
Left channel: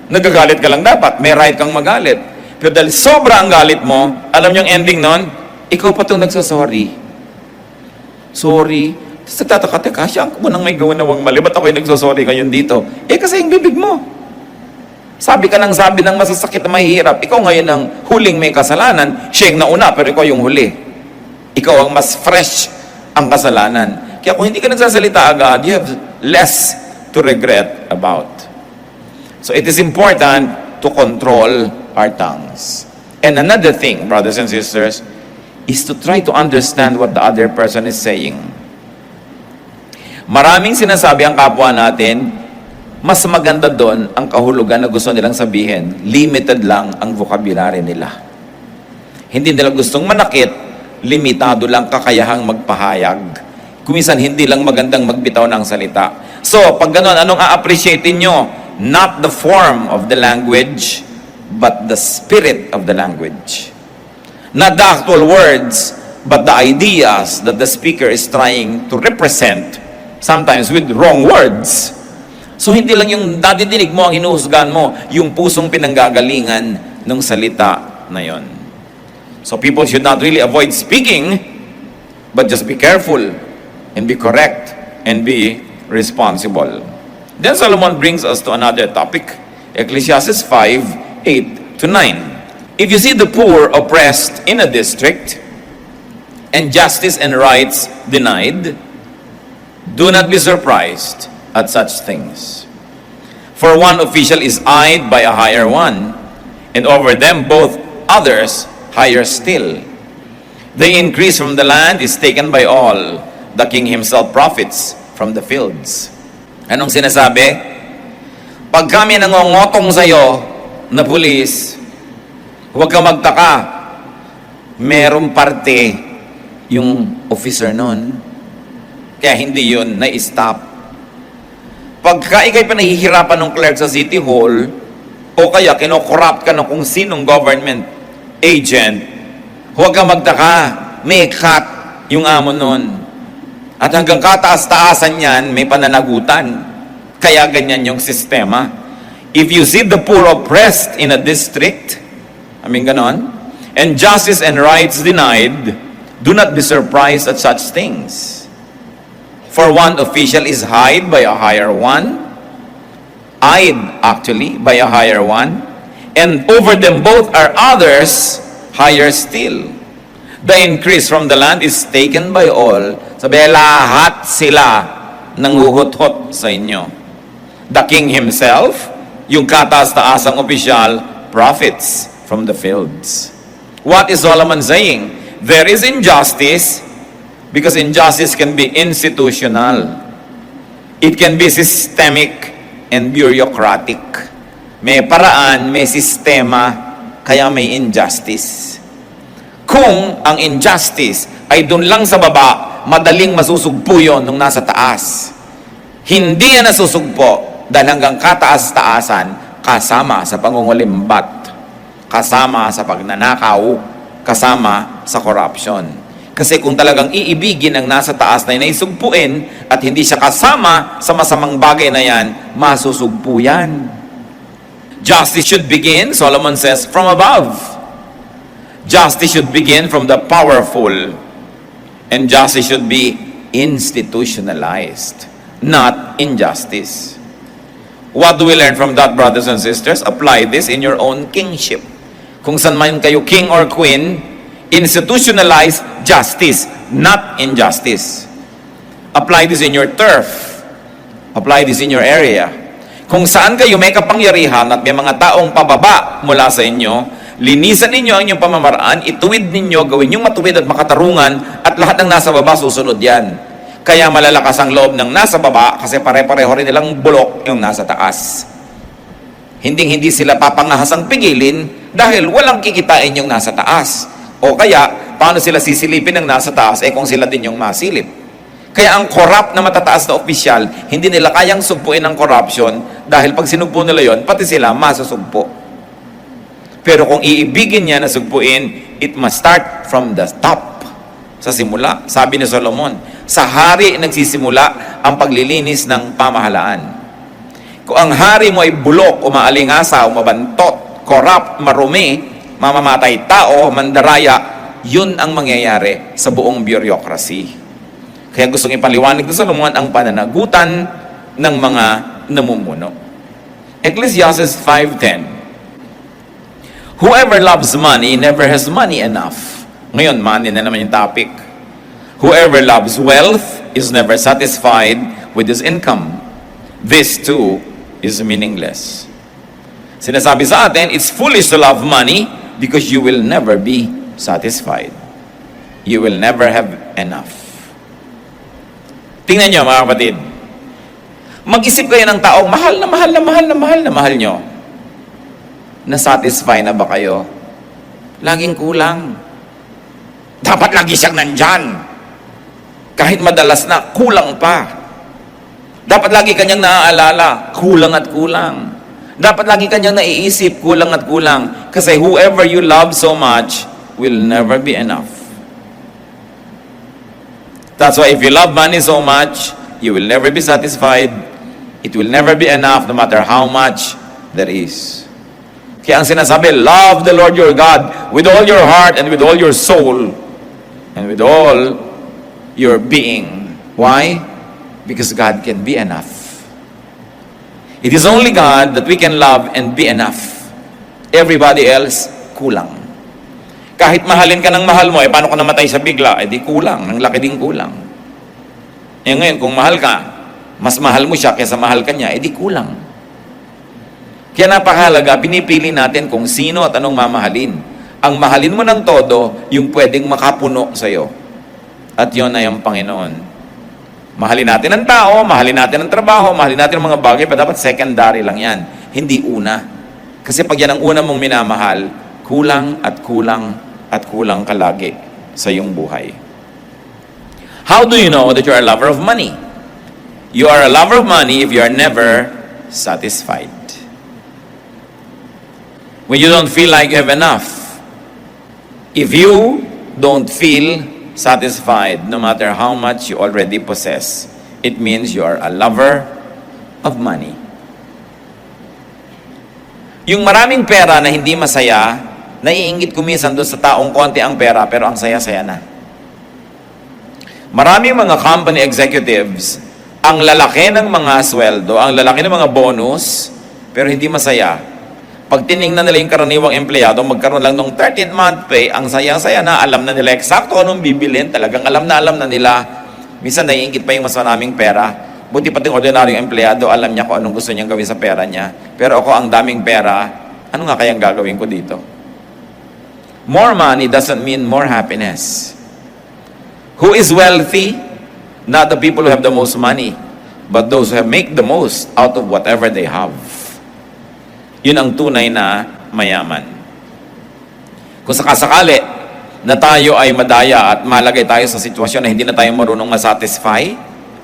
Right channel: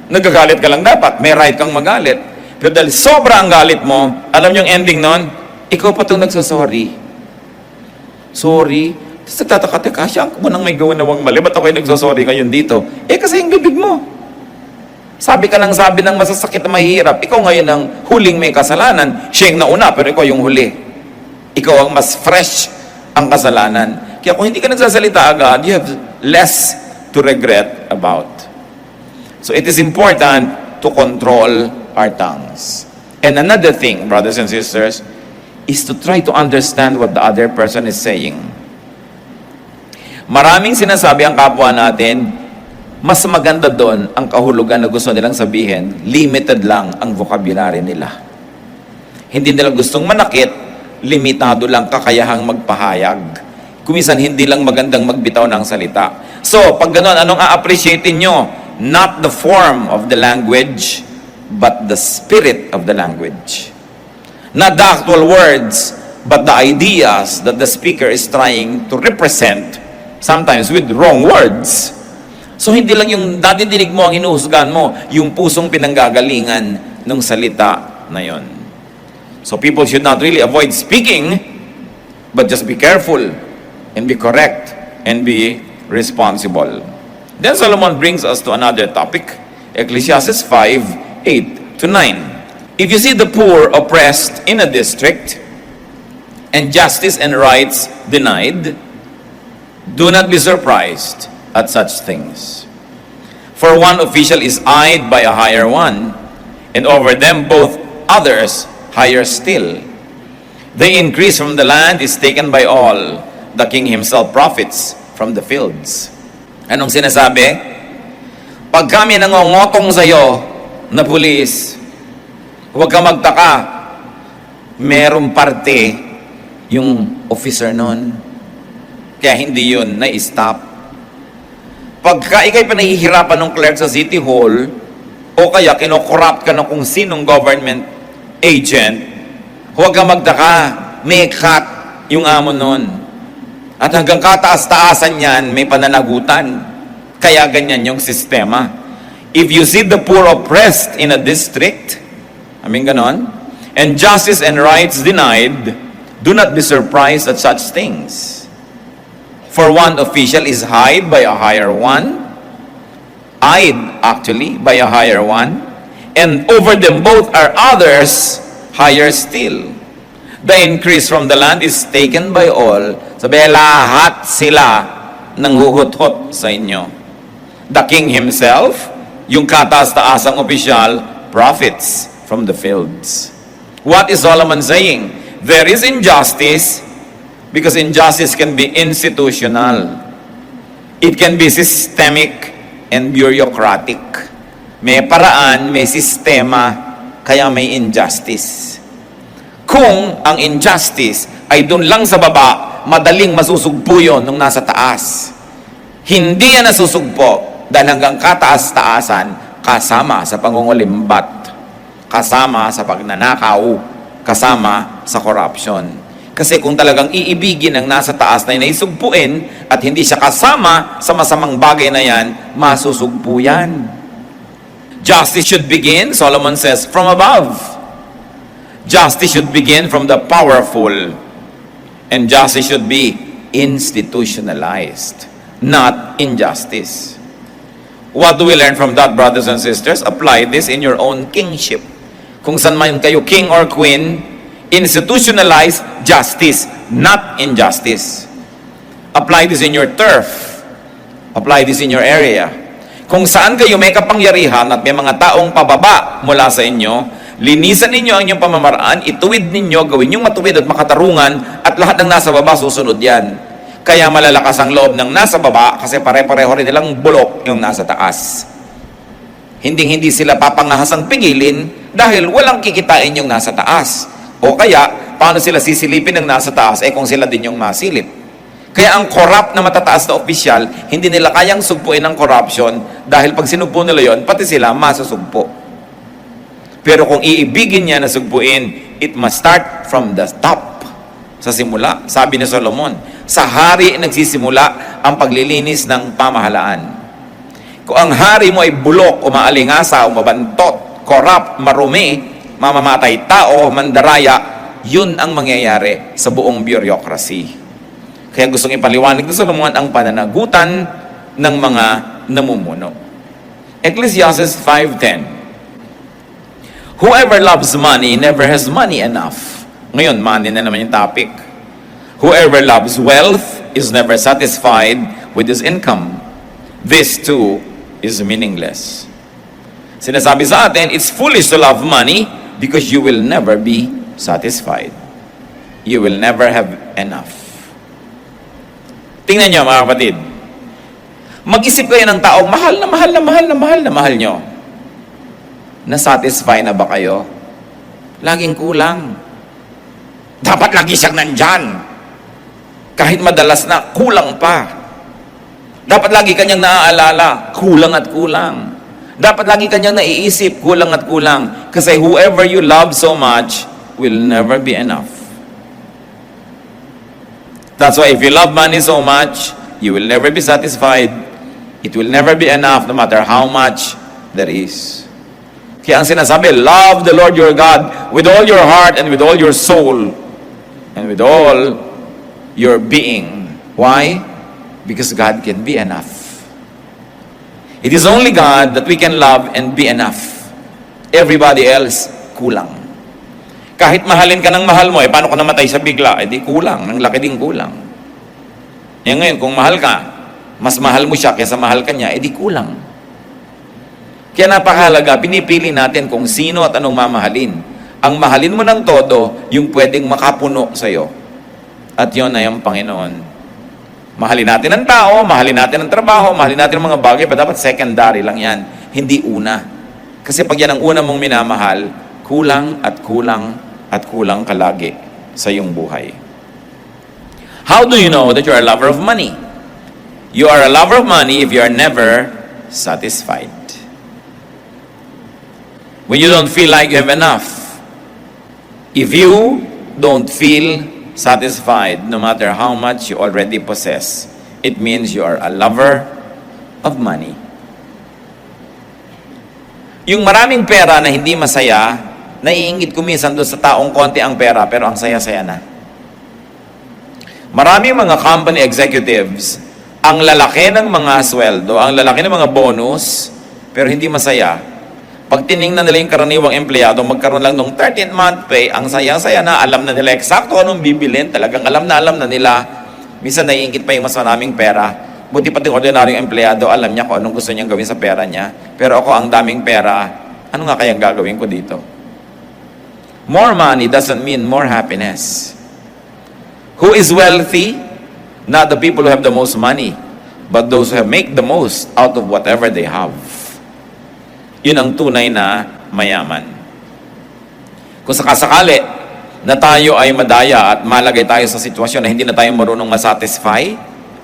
nagagalit ka lang dapat, may right kang magalit. Pero dahil sobra ang galit mo, alam yung ending nun, ikaw pa itong nagsasorry. Sorry. Tapos nagtataka, teka, siya ang munang may gawa nawang mali, ba't ako'y nagsasorry ngayon dito? Kasi yung bibig mo. Sabi ka ng sabi ng masasakit na mahirap, ikaw ngayon ang huling may kasalanan, siya yung nauna, pero ikaw yung huli. Ikaw ang mas fresh ang kasalanan. Kaya kung hindi ka nagsasalita agad, you have less to regret about. So it is important to control our tongues. And another thing, brothers and sisters, is to try to understand what the other person is saying. Maraming sinasabi ang kapwa natin, mas maganda doon ang kahulugan na gusto nilang sabihin, limited lang ang vocabulary nila. Hindi nila gustong manakit, limitado lang kakayahang magpahayag. Kuminsan hindi lang magandang magbitaw ng salita. So, pag gano'n, anong a-appreciatein nyo? Not the form of the language, but the spirit of the language. Not the actual words, but the ideas that the speaker is trying to represent, sometimes with wrong words. So hindi lang yung nadidinig mo ang hinuhusgahan mo, yung pusong pinanggagalingan ng salita na yon. So people should not really avoid speaking, but just be careful and be correct and be responsible. Then Solomon brings us to another topic, Ecclesiastes 5:8 to 9. If you see the poor oppressed in a district, and justice and rights denied, do not be surprised at such things. For one official is eyed by a higher one, and over them both others higher still. The increase from the land is taken by all. The king himself profits from the fields. Anong sinasabi? Pag kami nangongotong sa'yo na pulis, huwag kang magtaka, merong parte yung officer nun. Kaya hindi yun na-stop. Pagka ikay pinahihirapan ng clerk sa City Hall, o kaya kinokorrupt ka ng kung sinong government agent, huwag kang magtaka, may cut yung amo nun. At hanggang kataas-taasan yan, may pananagutan. Kaya ganyan yung sistema. If you see the poor oppressed in a district, ganon, and justice and rights denied, do not be surprised at such things. For one official is eyed by a higher one, by a higher one, and over them both are others higher still. The increase from the land is taken by all. Sabi, lahat sila nang huhot-hot sa inyo. The king himself, yung kataas-taasang opisyal, profits from the fields. What is Solomon saying? There is injustice, because injustice can be institutional. It can be systemic and bureaucratic. May paraan, may sistema, kaya may injustice. Kung ang injustice ay doon lang sa baba, madaling masusugpo yun nung nasa taas. Hindi yan nasusugpo dahil hanggang kataas-taasan, kasama sa pangungulimbat, kasama sa pagnanakaw, kasama sa corruption. Kasi kung talagang iibigin ang nasa taas na inaisugpuin at hindi siya kasama sa masamang bagay na yan, masusugpo yan. Justice should begin, Solomon says, from above. Justice should begin from the powerful. And justice should be institutionalized, not injustice. What do we learn from that, brothers and sisters? Apply this in your own kingship. Kung saan man kayo king or queen, institutionalize justice, not injustice. Apply this in your turf. Apply this in your area. Kung saan kayo may kapangyarihan at may mga taong pababa mula sa inyo, linisan ninyo ang inyong pamamaraan, ituwid ninyo, gawin yung matuwid at makatarungan, at lahat ng nasa baba susunod yan. Kaya malalakas ang loob ng nasa baba kasi pare-pareho rin nilang bulok yung nasa taas. Hindi sila papangahasang pigilin dahil walang kikitain yung nasa taas. O kaya, paano sila sisilipin ng nasa taas kung sila din yung masilip? Kaya ang corrupt na matataas na opisyal, hindi nila kayang sugpuin ang corruption dahil pag sinugpo nila yon, pati sila masusugpo. Pero kung iibigin niya na sugpuin, it must start from the top. Sa simula, sabi ni Solomon, sa hari nagsisimula ang paglilinis ng pamahalaan. Kung ang hari mo ay bulok, umaalingasa, umabantot, corrupt, marumi, mamamatay tao, mandaraya, yun ang mangyayari sa buong bureaucracy. Kaya gustong ipaliwanag ni Solomon ang pananagutan ng mga namumuno. Ecclesiastes 5:10. Whoever loves money never has money enough. Ngayon, money na naman yung topic. Whoever loves wealth is never satisfied with his income. This too is meaningless. Sinasabi sa atin, it's foolish to love money because you will never be satisfied. You will never have enough. Tingnan nyo mga kapatid. Mag-isip kayo ng taong mahal na mahal na mahal na mahal na mahal nyo. Na-satisfy na ba kayo? Laging kulang. Dapat lagi siyang nandyan. Kahit madalas na, kulang pa. Dapat lagi kanyang naaalala, kulang at kulang. Dapat lagi kanyang naiisip, kulang at kulang. Kasi whoever you love so much will never be enough. That's why if you love money so much, you will never be satisfied. It will never be enough no matter how much there is. Kaya ang sinasabi, love the Lord your God with all your heart and with all your soul and with all your being. Why? Because God can be enough. It is only God that we can love and be enough. Everybody else, kulang. Kahit mahalin ka ng mahal mo, paano ka namatay sa bigla? Di kulang, ng laki ding kulang. Ngayon, kung mahal ka, mas mahal mo siya kaysa mahal ka niya, di kulang. Kaya napakahalaga, pinipili natin kung sino at anong mamahalin. Ang mahalin mo ng todo, yung pwedeng makapuno sa'yo. At yun ay ang Panginoon. Mahalin natin ang tao, mahalin natin ang trabaho, mahalin natin ang mga bagay, pa dapat secondary lang yan. Hindi una. Kasi pag yan ang una mong minamahal, kulang at kulang at kulang ka lagi sa iyong buhay. How do you know that you're a lover of money? You are a lover of money if you are never satisfied. When you don't feel like you have enough. If you don't feel satisfied, no matter how much you already possess, it means you are a lover of money. Yung maraming pera na hindi masaya, naiingit ko minsan doon sa taong konti ang pera, pero ang saya-saya na. Maraming mga company executives, ang lalaki ng mga sweldo, ang lalaki ng mga bonus, pero hindi masaya. Pag tiningnan nila yung karaniwang empleyado, magkaroon lang ng 13th month pay, ang saya-saya na, alam na nila eksakto anong bibilin, talagang alam na nila. Minsan naiingit pa yung mas maraming pera. Buti pati ordinaryong empleyado, alam niya kung anong gusto niyang gawin sa pera niya. Pero ako, ang daming pera, ano nga kayang gagawin ko dito? More money doesn't mean more happiness. Who is wealthy? Not the people who have the most money, but those who make the most out of whatever they have. Yun ang tunay na mayaman. Kung sakasakali na tayo ay madaya at malagay tayo sa sitwasyon na hindi na tayo marunong masatisfy,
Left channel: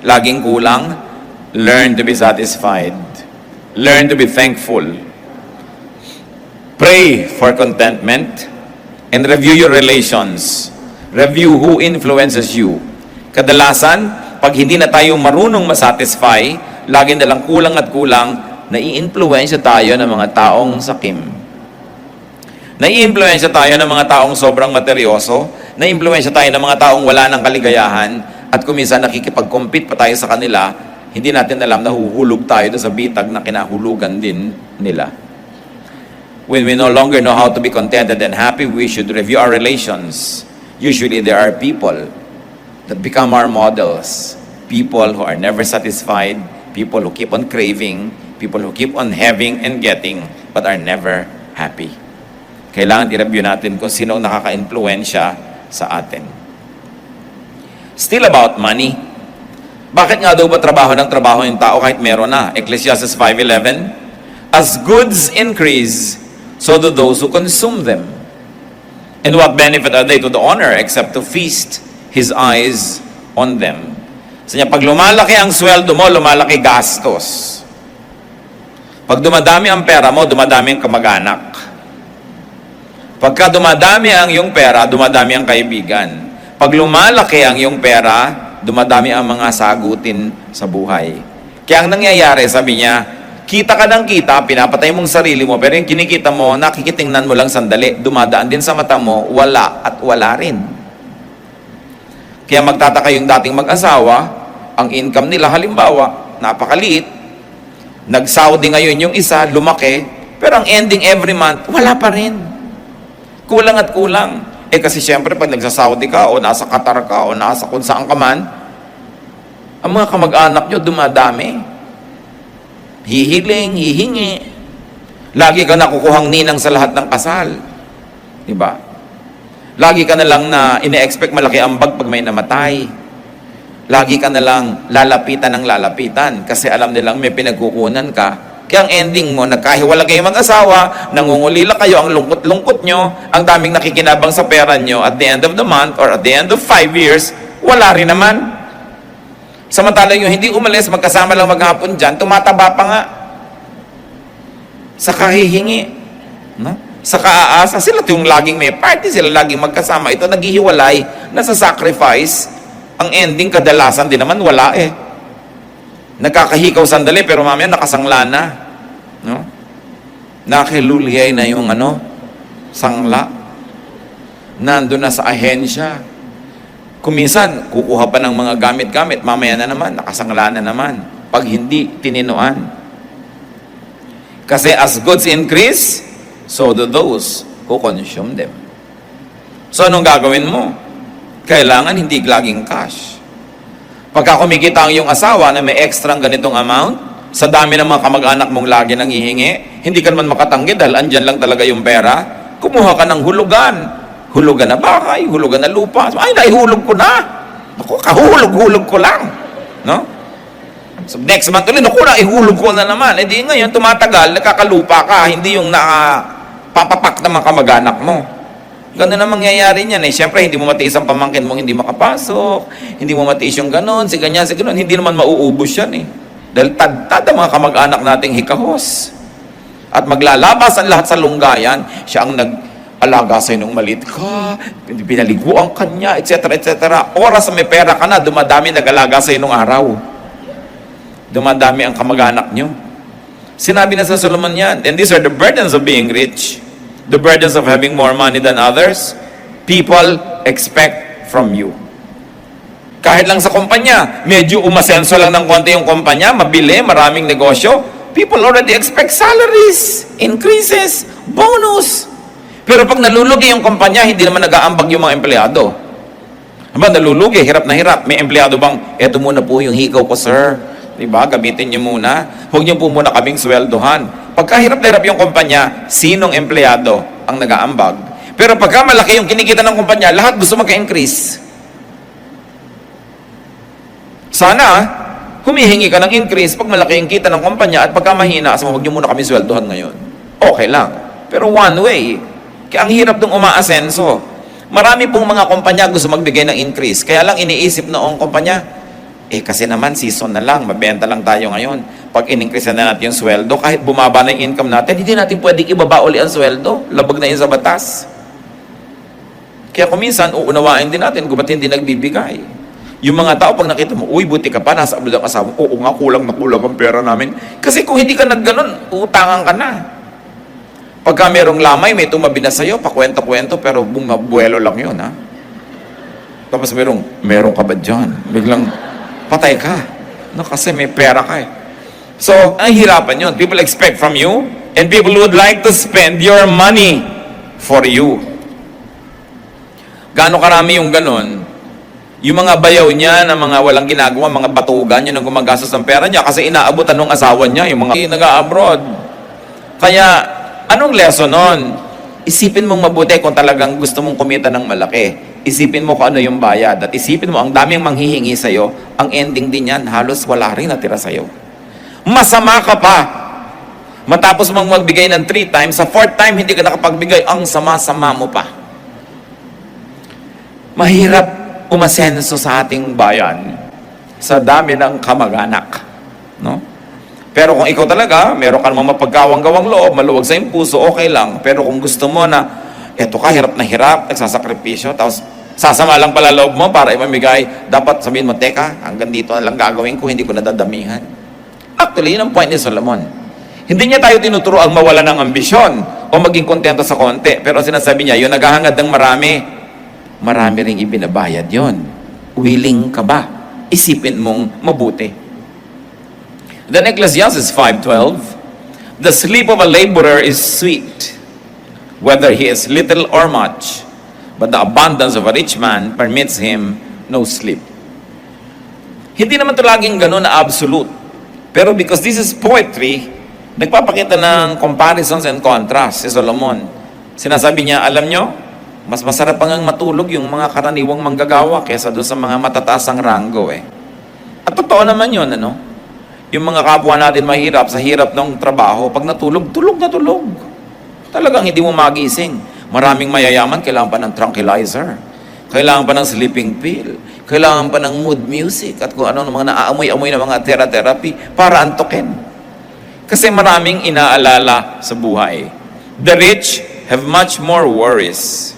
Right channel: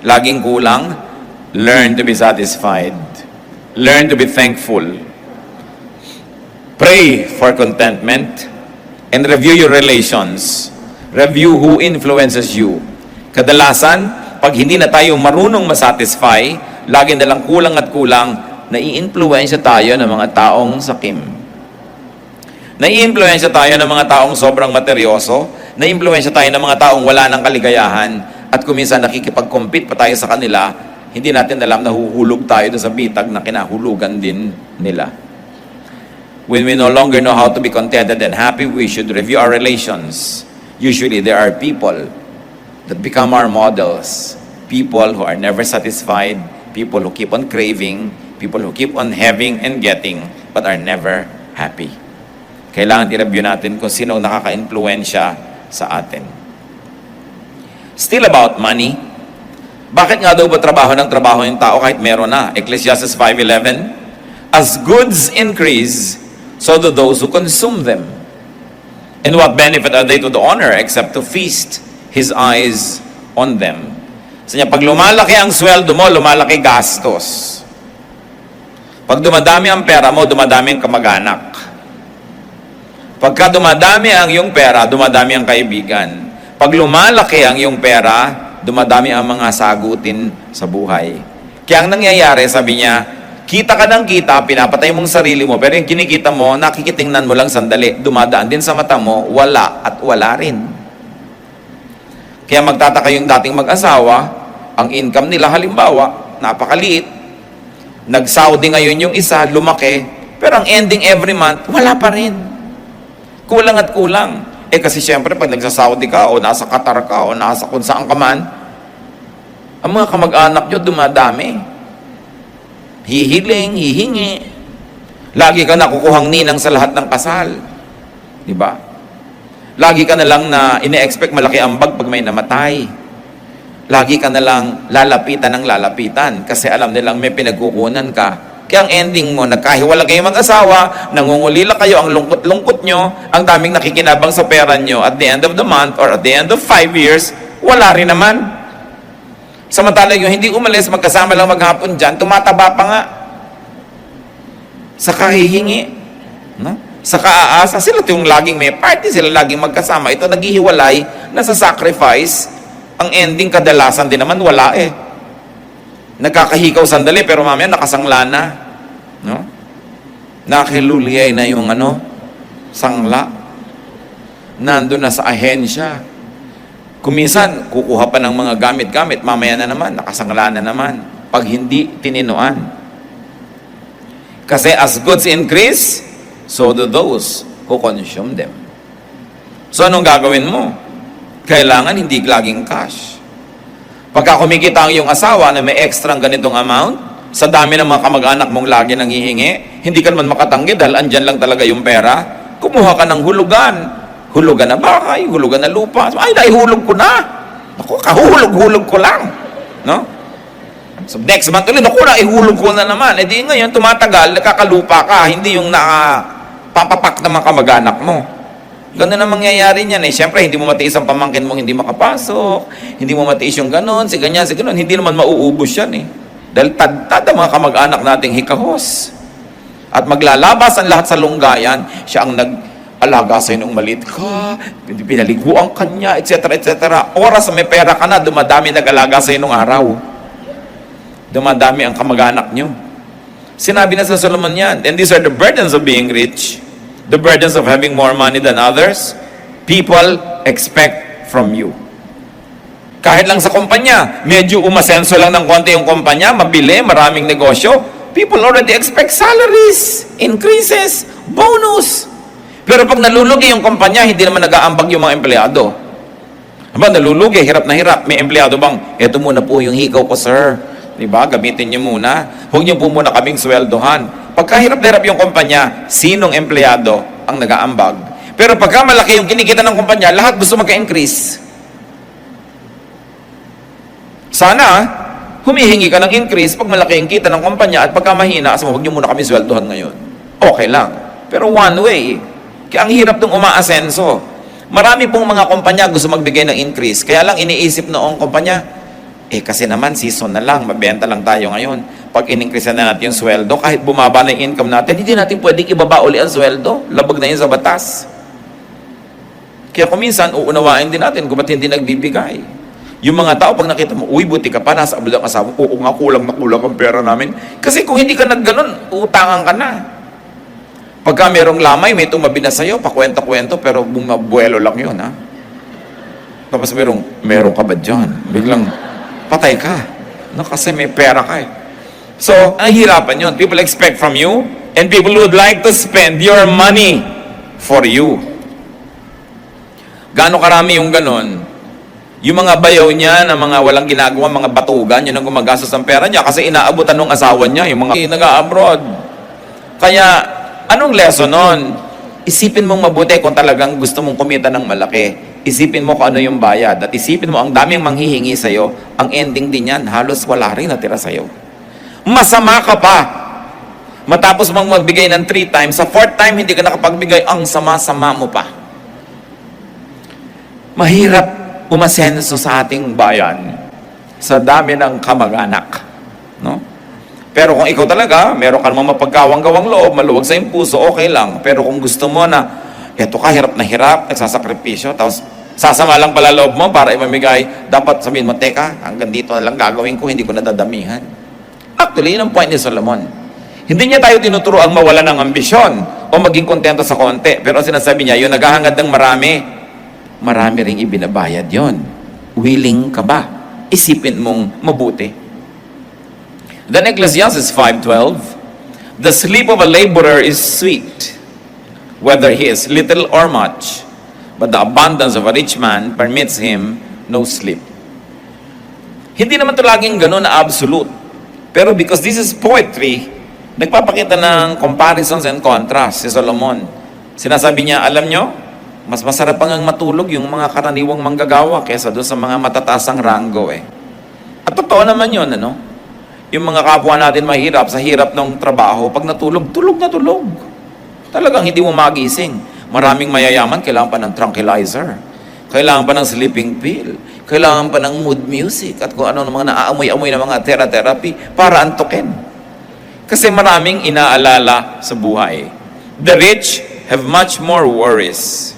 laging kulang, learn to be satisfied. Learn to be thankful. Pray for contentment and review your relations. Review who influences you. Kadalasan, pag hindi na tayo marunong masatisfy, lagi na lang kulang at kulang, nai-influensya tayo ng mga taong sakim. Nai-influensya tayo ng mga taong sobrang materyoso, nai-influensya tayo ng mga taong wala ng kaligayahan, at kung minsan nakikipag-compete pa tayo sa kanila, hindi natin alam na huhulog tayo sa bitag na kinahulugan din nila. When we no longer know how to be contented and happy, we should review our relations. Usually there are people that become our models. People who are never satisfied, people who keep on craving, people who keep on having and getting, but are never happy. Kailangan i-review natin kung sino nakaka-influensya sa atin. Still about money. Bakit nga daw ba trabaho ng trabaho yung tao kahit meron na? Ecclesiastes 5:11. As goods increase, so do those who consume them. And what benefit are they to the owner except to feast his eyes on them? So niya, pag lumalaki ang sweldo mo, lumalaki gastos. Pag dumadami ang pera mo, dumadami ang kamag-anak. Pagka dumadami ang iyong pera, dumadami ang kaibigan. Pag lumalaki ang iyong pera, dumadami ang mga sagutin sa buhay. Kaya ang nangyayari, sabi niya, kita ka ng kita, pinapatay mong sarili mo, pero yung kinikita mo, nakikitingnan mo lang sandali, dumadaan din sa mata mo, wala at wala rin. Kaya magtataka yung dating mag-asawa, ang income nila halimbawa, napakaliit, nag-Saudi ngayon yung isa, lumaki, pero ang ending every month, wala pa rin. Kulang at kulang. Kasi siyempre, pag nagsa-Saudi ka, o nasa Qatar ka, o nasa kung saan ka man, ang mga kamag-anak nyo dumadami. Hihiling, hihingi. Lagi ka nakukuhang ninang sa lahat ng kasal. Diba? Lagi ka na lang na ine-expect malaki ang bag pag may namatay. Lagi ka na lang lalapitan ng lalapitan kasi alam nilang may pinagkukunan ka. Kaya ang ending mo, nagkahiwalay kayo mag-asawa, nangungulila kayo, ang lungkot-lungkot nyo, ang daming nakikinabang sa pera nyo, at the end of the month or at the end of 5 years, wala rin naman. Samantalang yung hindi umalis, magkasama lang maghapon dyan, tumataba pa nga. Sa kahihingi, no? Sa kaaasa, sila yung laging may party, sila laging magkasama. Ito naghihiwalay, nasa sacrifice, ang ending kadalasan din naman wala eh. Nakakahikaw sandali pero mamaya nakasangla na, no? Nakiluliyay na yung sangla. Nandun na sa ahensya. Kuminsan, kukuha pa ng mga gamit-gamit, mamaya na naman, nakasangla na naman. Pag hindi tininuan. Kasi as goods increase, so do those who consume them. So anong gagawin mo? Kailangan hindi laging cash. Pagka kumikita ang iyong asawa na may extra ganitong amount, sa dami ng mga kamag-anak mong lagi nang hihingi, hindi ka naman makatanggi dahil andyan lang talaga yung pera, kumuha ka ng hulugan. Hulugan na bahay, hulugan na lupa. Ay, naihulog ko na. Ako, kahuhulog-hulog ko lang. No? So, next month ulit, naku, naihulog ko na naman. E di ngayon, tumatagal, nakakalupa ka, hindi yung nakapapapak na mga kamag-anak mo. Ganun ang mangyayari niyan eh. Siyempre, hindi mo matiis ang pamangkin mong hindi makapasok, hindi mo matiis yung ganun, si ganyan, hindi naman mauubos yan eh. Dahil tad ang mga kamag-anak nating hikahos. At maglalabas ang lahat sa lunggayan, siya ang nag-alaga sa'yo nung maliit ka, pinaliguan ka niya, etc. etc. Oras na may pera ka na, dumadami nag-alaga sa'yo nung araw. Dumadami ang kamag-anak nyo. Sinabi na sa Solomon yan, and these are the burdens of being rich. The burdens of having more money than others, people expect from you. Kahit lang sa kumpanya, medyo umasenso lang ng konti yung kumpanya, mabili, maraming negosyo, people already expect salaries, increases, bonus. Pero pag nalulugi yung kumpanya, hindi naman nag-aambag yung mga empleyado. Aba, nalulugi, hirap na hirap. May empleyado bang, eto muna po yung hikaw ko, sir. Diba? Gamitin niyo muna. Huwag niyo po muna kaming sweldohan. Pagka hirap na hirap yung kumpanya, sinong empleyado ang nag-aambag? Pero pagka malaki yung kinikita ng kumpanya, lahat gusto magka-increase. Sana, humihingi ka ng increase pag malaki yung kita ng kumpanya at pagka mahina, huwag niyo muna kami sweldohan ngayon. Okay lang. Pero one way. Kaya ang hirap nung umaasenso. Marami pong mga kumpanya gusto magbigay ng increase. Kaya lang iniisip noong kumpanya, kasi naman season na lang, mabenta lang tayo ngayon. Pag in-increase na natin yung sweldo, kahit bumaba na yung income natin, hindi natin pwedeng ibaba uli ang sweldo. Labag na yun sa batas. Kaya kuminsan, uunawain din natin kung ba't hindi nagbibigay. Yung mga tao, pag nakita mo, uy, buti ka pa, nasa abroad ang asawa, oo nga, kulang na kulang ang pera namin. Kasi kung hindi ka nagganon, utangan ka na. Pagka merong lamay, may tumabi na sa'yo, pakwento-kwento, pero bumabuelo lang yun, ha? Tapos meron ka ba dyan? Biglang, patay ka. No, kasi may pera ka eh. So, nahihirapan yun. People expect from you, and people would like to spend your money for you. Gaano karami yung ganon? Yung mga bayaw niya, na mga walang ginagawa, mga batugan, yun ang gumagastos ng pera niya kasi inaabutan ng asawa niya, yung mga nag-a-abroad. Kaya, anong lesson nun? Isipin mong mabuti kung talagang gusto mong kumita ng malaki. Isipin mo kung ano yung bayad. At isipin mo, ang daming manghihingi sa'yo, ang ending din yan, halos wala rin natira sa'yo. Masama ka pa. Matapos mong magbigay ng 3 times, sa 4th time, hindi ka nakapagbigay, ang sama-sama mo pa. Mahirap umasenso sa ating bayan sa dami ng kamag-anak. No? Pero kung ikaw talaga, meron ka namang mapagkawang-gawang loob, maluwag sa iyong puso, okay lang. Pero kung gusto mo na, eto ka, hirap na hirap, nagsasakripisyo, tapos Sasama lang pala loob mo para imamigay. Dapat sabihin mo, teka, hanggang dito na lang gagawin ko, hindi ko nadadamihan. Actually, yun ang point ni Solomon. Hindi niya tayo tinuturo ang mawala ng ambisyon o maging kontento sa konti. Pero sinasabi niya, yung naghahangad ng marami ring ibinabayad yon. Willing ka ba? Isipin mong mabuti. Then Ecclesiastes 5:12, the sleep of a laborer is sweet, whether he is little or much, but the abundance of a rich man permits him no sleep. Hindi naman ito laging ganun na absolute. Pero because this is poetry, nagpapakita ng comparisons and contrasts si Solomon. Sinasabi niya, alam nyo, mas masarap pang matulog yung mga karaniwang manggagawa kesa doon sa mga matataasang ranggo eh. At totoo naman yun, ano? Yung mga kapwa natin mahirap sa hirap ng trabaho, pag natulog, tulog na tulog. Talagang hindi mo magising. Maraming mayayaman, kailangan pa ng tranquilizer. Kailangan pa ng sleeping pill. Kailangan pa ng mood music at kung ano ng mga naaamoy-amoy na mga therapy para antukin. Kasi maraming inaalala sa buhay. The rich have much more worries.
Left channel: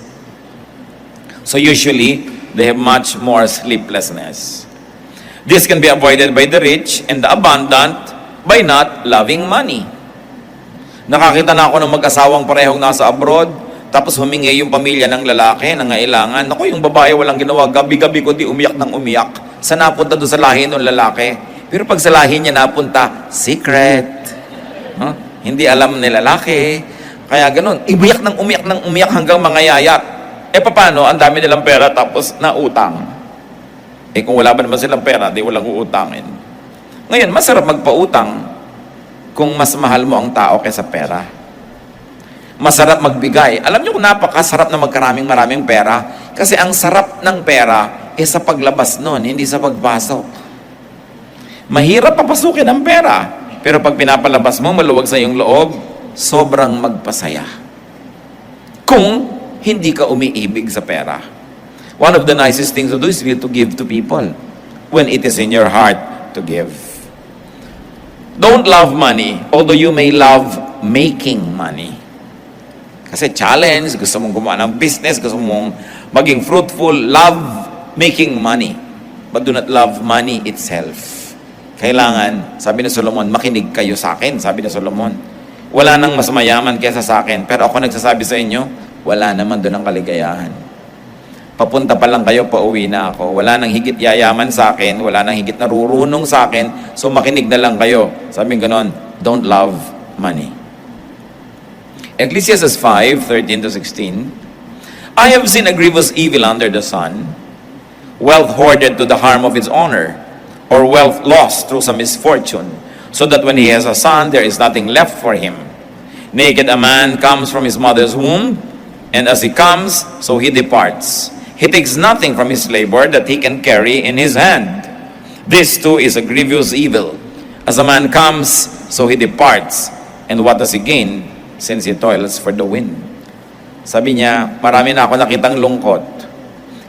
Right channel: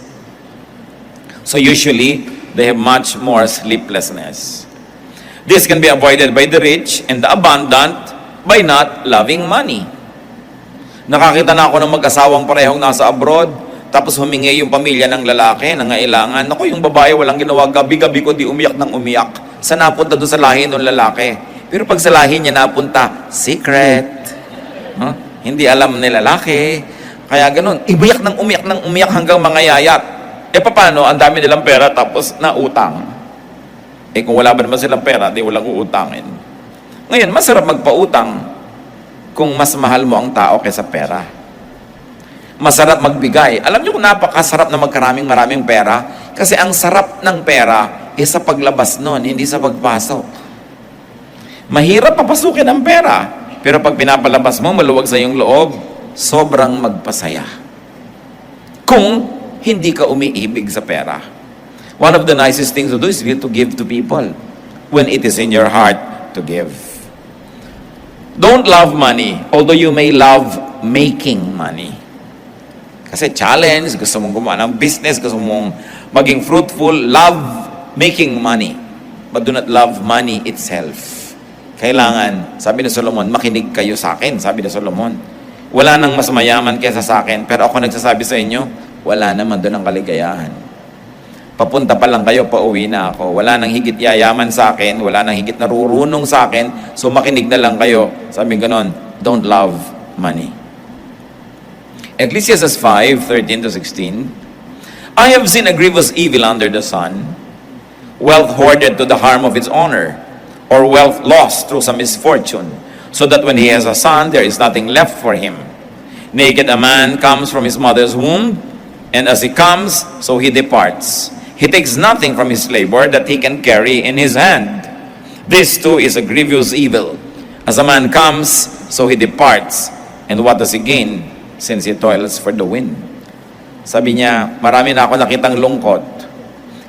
So usually, they have much more sleeplessness. This can be avoided by the rich and the abundant by not loving money. Nakakita na ako ng mag-asawang parehong nasa abroad, tapos humingi yung pamilya ng lalaki na ngailangan. Naku, yung babae walang ginawa, gabi-gabi kundi umiyak ng umiyak. Sa napunta doon sa lahi ng lalaki. Pero pag sa lahi niya napunta, secret. Huh? Hindi alam ni lalaki. Kaya ganun, iiyak ng umiyak hanggang mangayayat. E paano? Ang dami nilang pera tapos nautang. Eh kung wala ba naman silang pera, di walang uutangin. Ngayon, masarap magpautang kung mas mahal mo ang tao kaysa pera. Masarap magbigay. Alam niyo kung napakasarap na maraming pera? Kasi ang sarap ng pera ay sa paglabas nun, hindi sa pagpasok. Mahirap papasukin ang pera. Pero pag pinapalabas mo, maluwag sa iyong loob, sobrang magpasaya. Kung hindi ka umiibig sa pera. One of the nicest things to do is to give to people when it is in your heart to give. Don't love money, although you may love making money. Kasi challenge, gusto mong gumawa ng business, gusto mong maging fruitful, love making money. But do not love money itself. Kailangan, sabi ni Solomon, makinig kayo sa akin, sabi ni Solomon. Wala nang mas mayaman kaysa sa akin, pero ako nagsasabi sa inyo, wala naman doon ang kaligayahan. Papunta pa lang kayo, pauwi na ako. Wala nang higit yayaman sa akin, wala nang higit narurunong sa akin, so makinig na lang kayo. Sabi ganon, don't love money. Ecclesiastes 5:13-16, I have seen a grievous evil under the sun, wealth hoarded to the harm of its owner, or wealth lost through some misfortune, so that when he has a son, there is nothing left for him. Naked a man comes from his mother's womb, and as he comes, so he departs. He takes nothing from his labor that he can carry in his hand. This too is a grievous evil. As a man comes, so he departs. And what does he gain, since he toils for the wind? Sabi niya, marami na ako nakitang lungkot.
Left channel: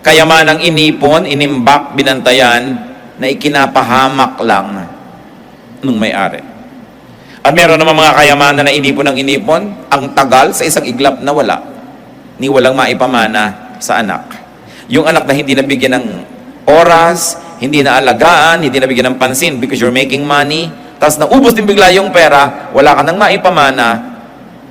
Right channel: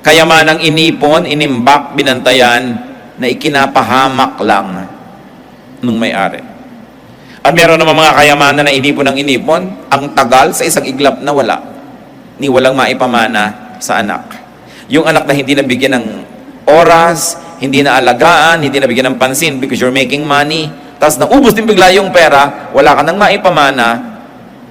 Kayamanang inipon, inimbak, binantayan, na ikinapahamak lang ng may-ari. At meron naman mga kayamanan na inipon ng inipon, ang tagal sa isang iglap na wala. Ni walang maipamana sa anak. Yung anak na hindi nabigyan ng oras, hindi na alagaan, hindi nabigyan ng pansin because you're making money, tapos naubos din bigla yung pera, wala ka nang maipamana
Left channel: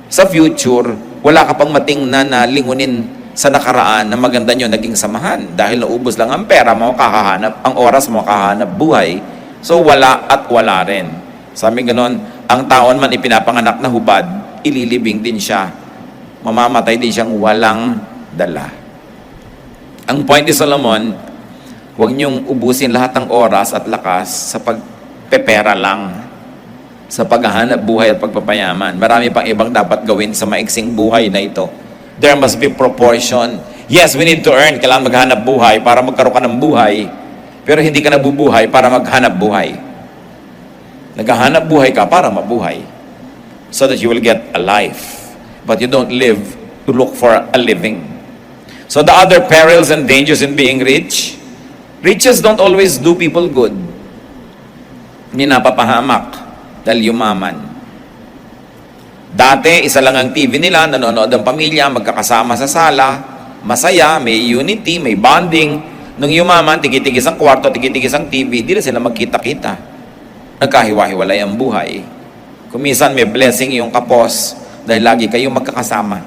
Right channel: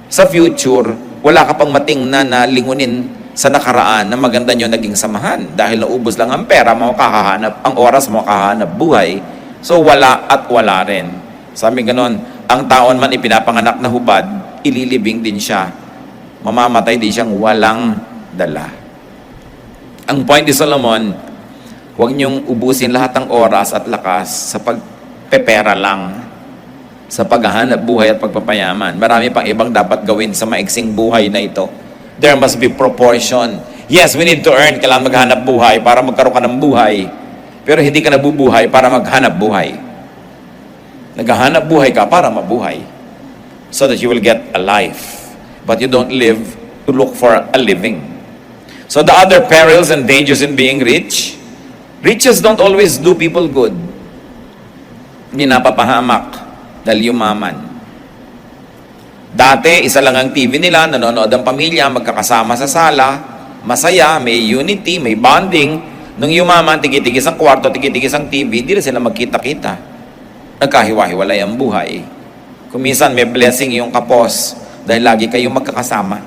sa future, wala ka pang matingnan na lingunin sa nakaraan na maganda nyo naging samahan. Dahil naubos lang ang pera mo, kakahanap, ang oras mo, kakahanap buhay. So wala at wala rin. Sabi ganon, ang taon man ipinapanganak na hubad, ililibing din siya. Mamamatay din siyang walang dala. Ang point ni Solomon, huwag niyong ubusin lahat ng oras at lakas sa pagpepera lang, sa paghahanap buhay at pagpapayaman. Marami pang ibang dapat gawin sa maiksing buhay na ito. There must be proportion. Yes, we need to earn. Kailangan maghanap buhay para magkaroon ka ng buhay. Pero hindi ka nabubuhay para maghanap buhay. Naghahanap buhay ka para mabuhay. So that you will get a life. But you don't live to look for a living. So the other perils and dangers in being rich, riches don't always do people good. Hindi napapahamak dahil yumaman. Dati, isa lang ang TV nila, nanonood ang pamilya, magkakasama sa sala, masaya, may unity, may bonding. Nung yumaman, tigitigis ang kwarto, tigitigis ang TV, hindi na sila magkita-kita. Nagkahiwa-hiwalay ang buhay. Kumisan may blessing yung kapos dahil lagi kayong magkakasama.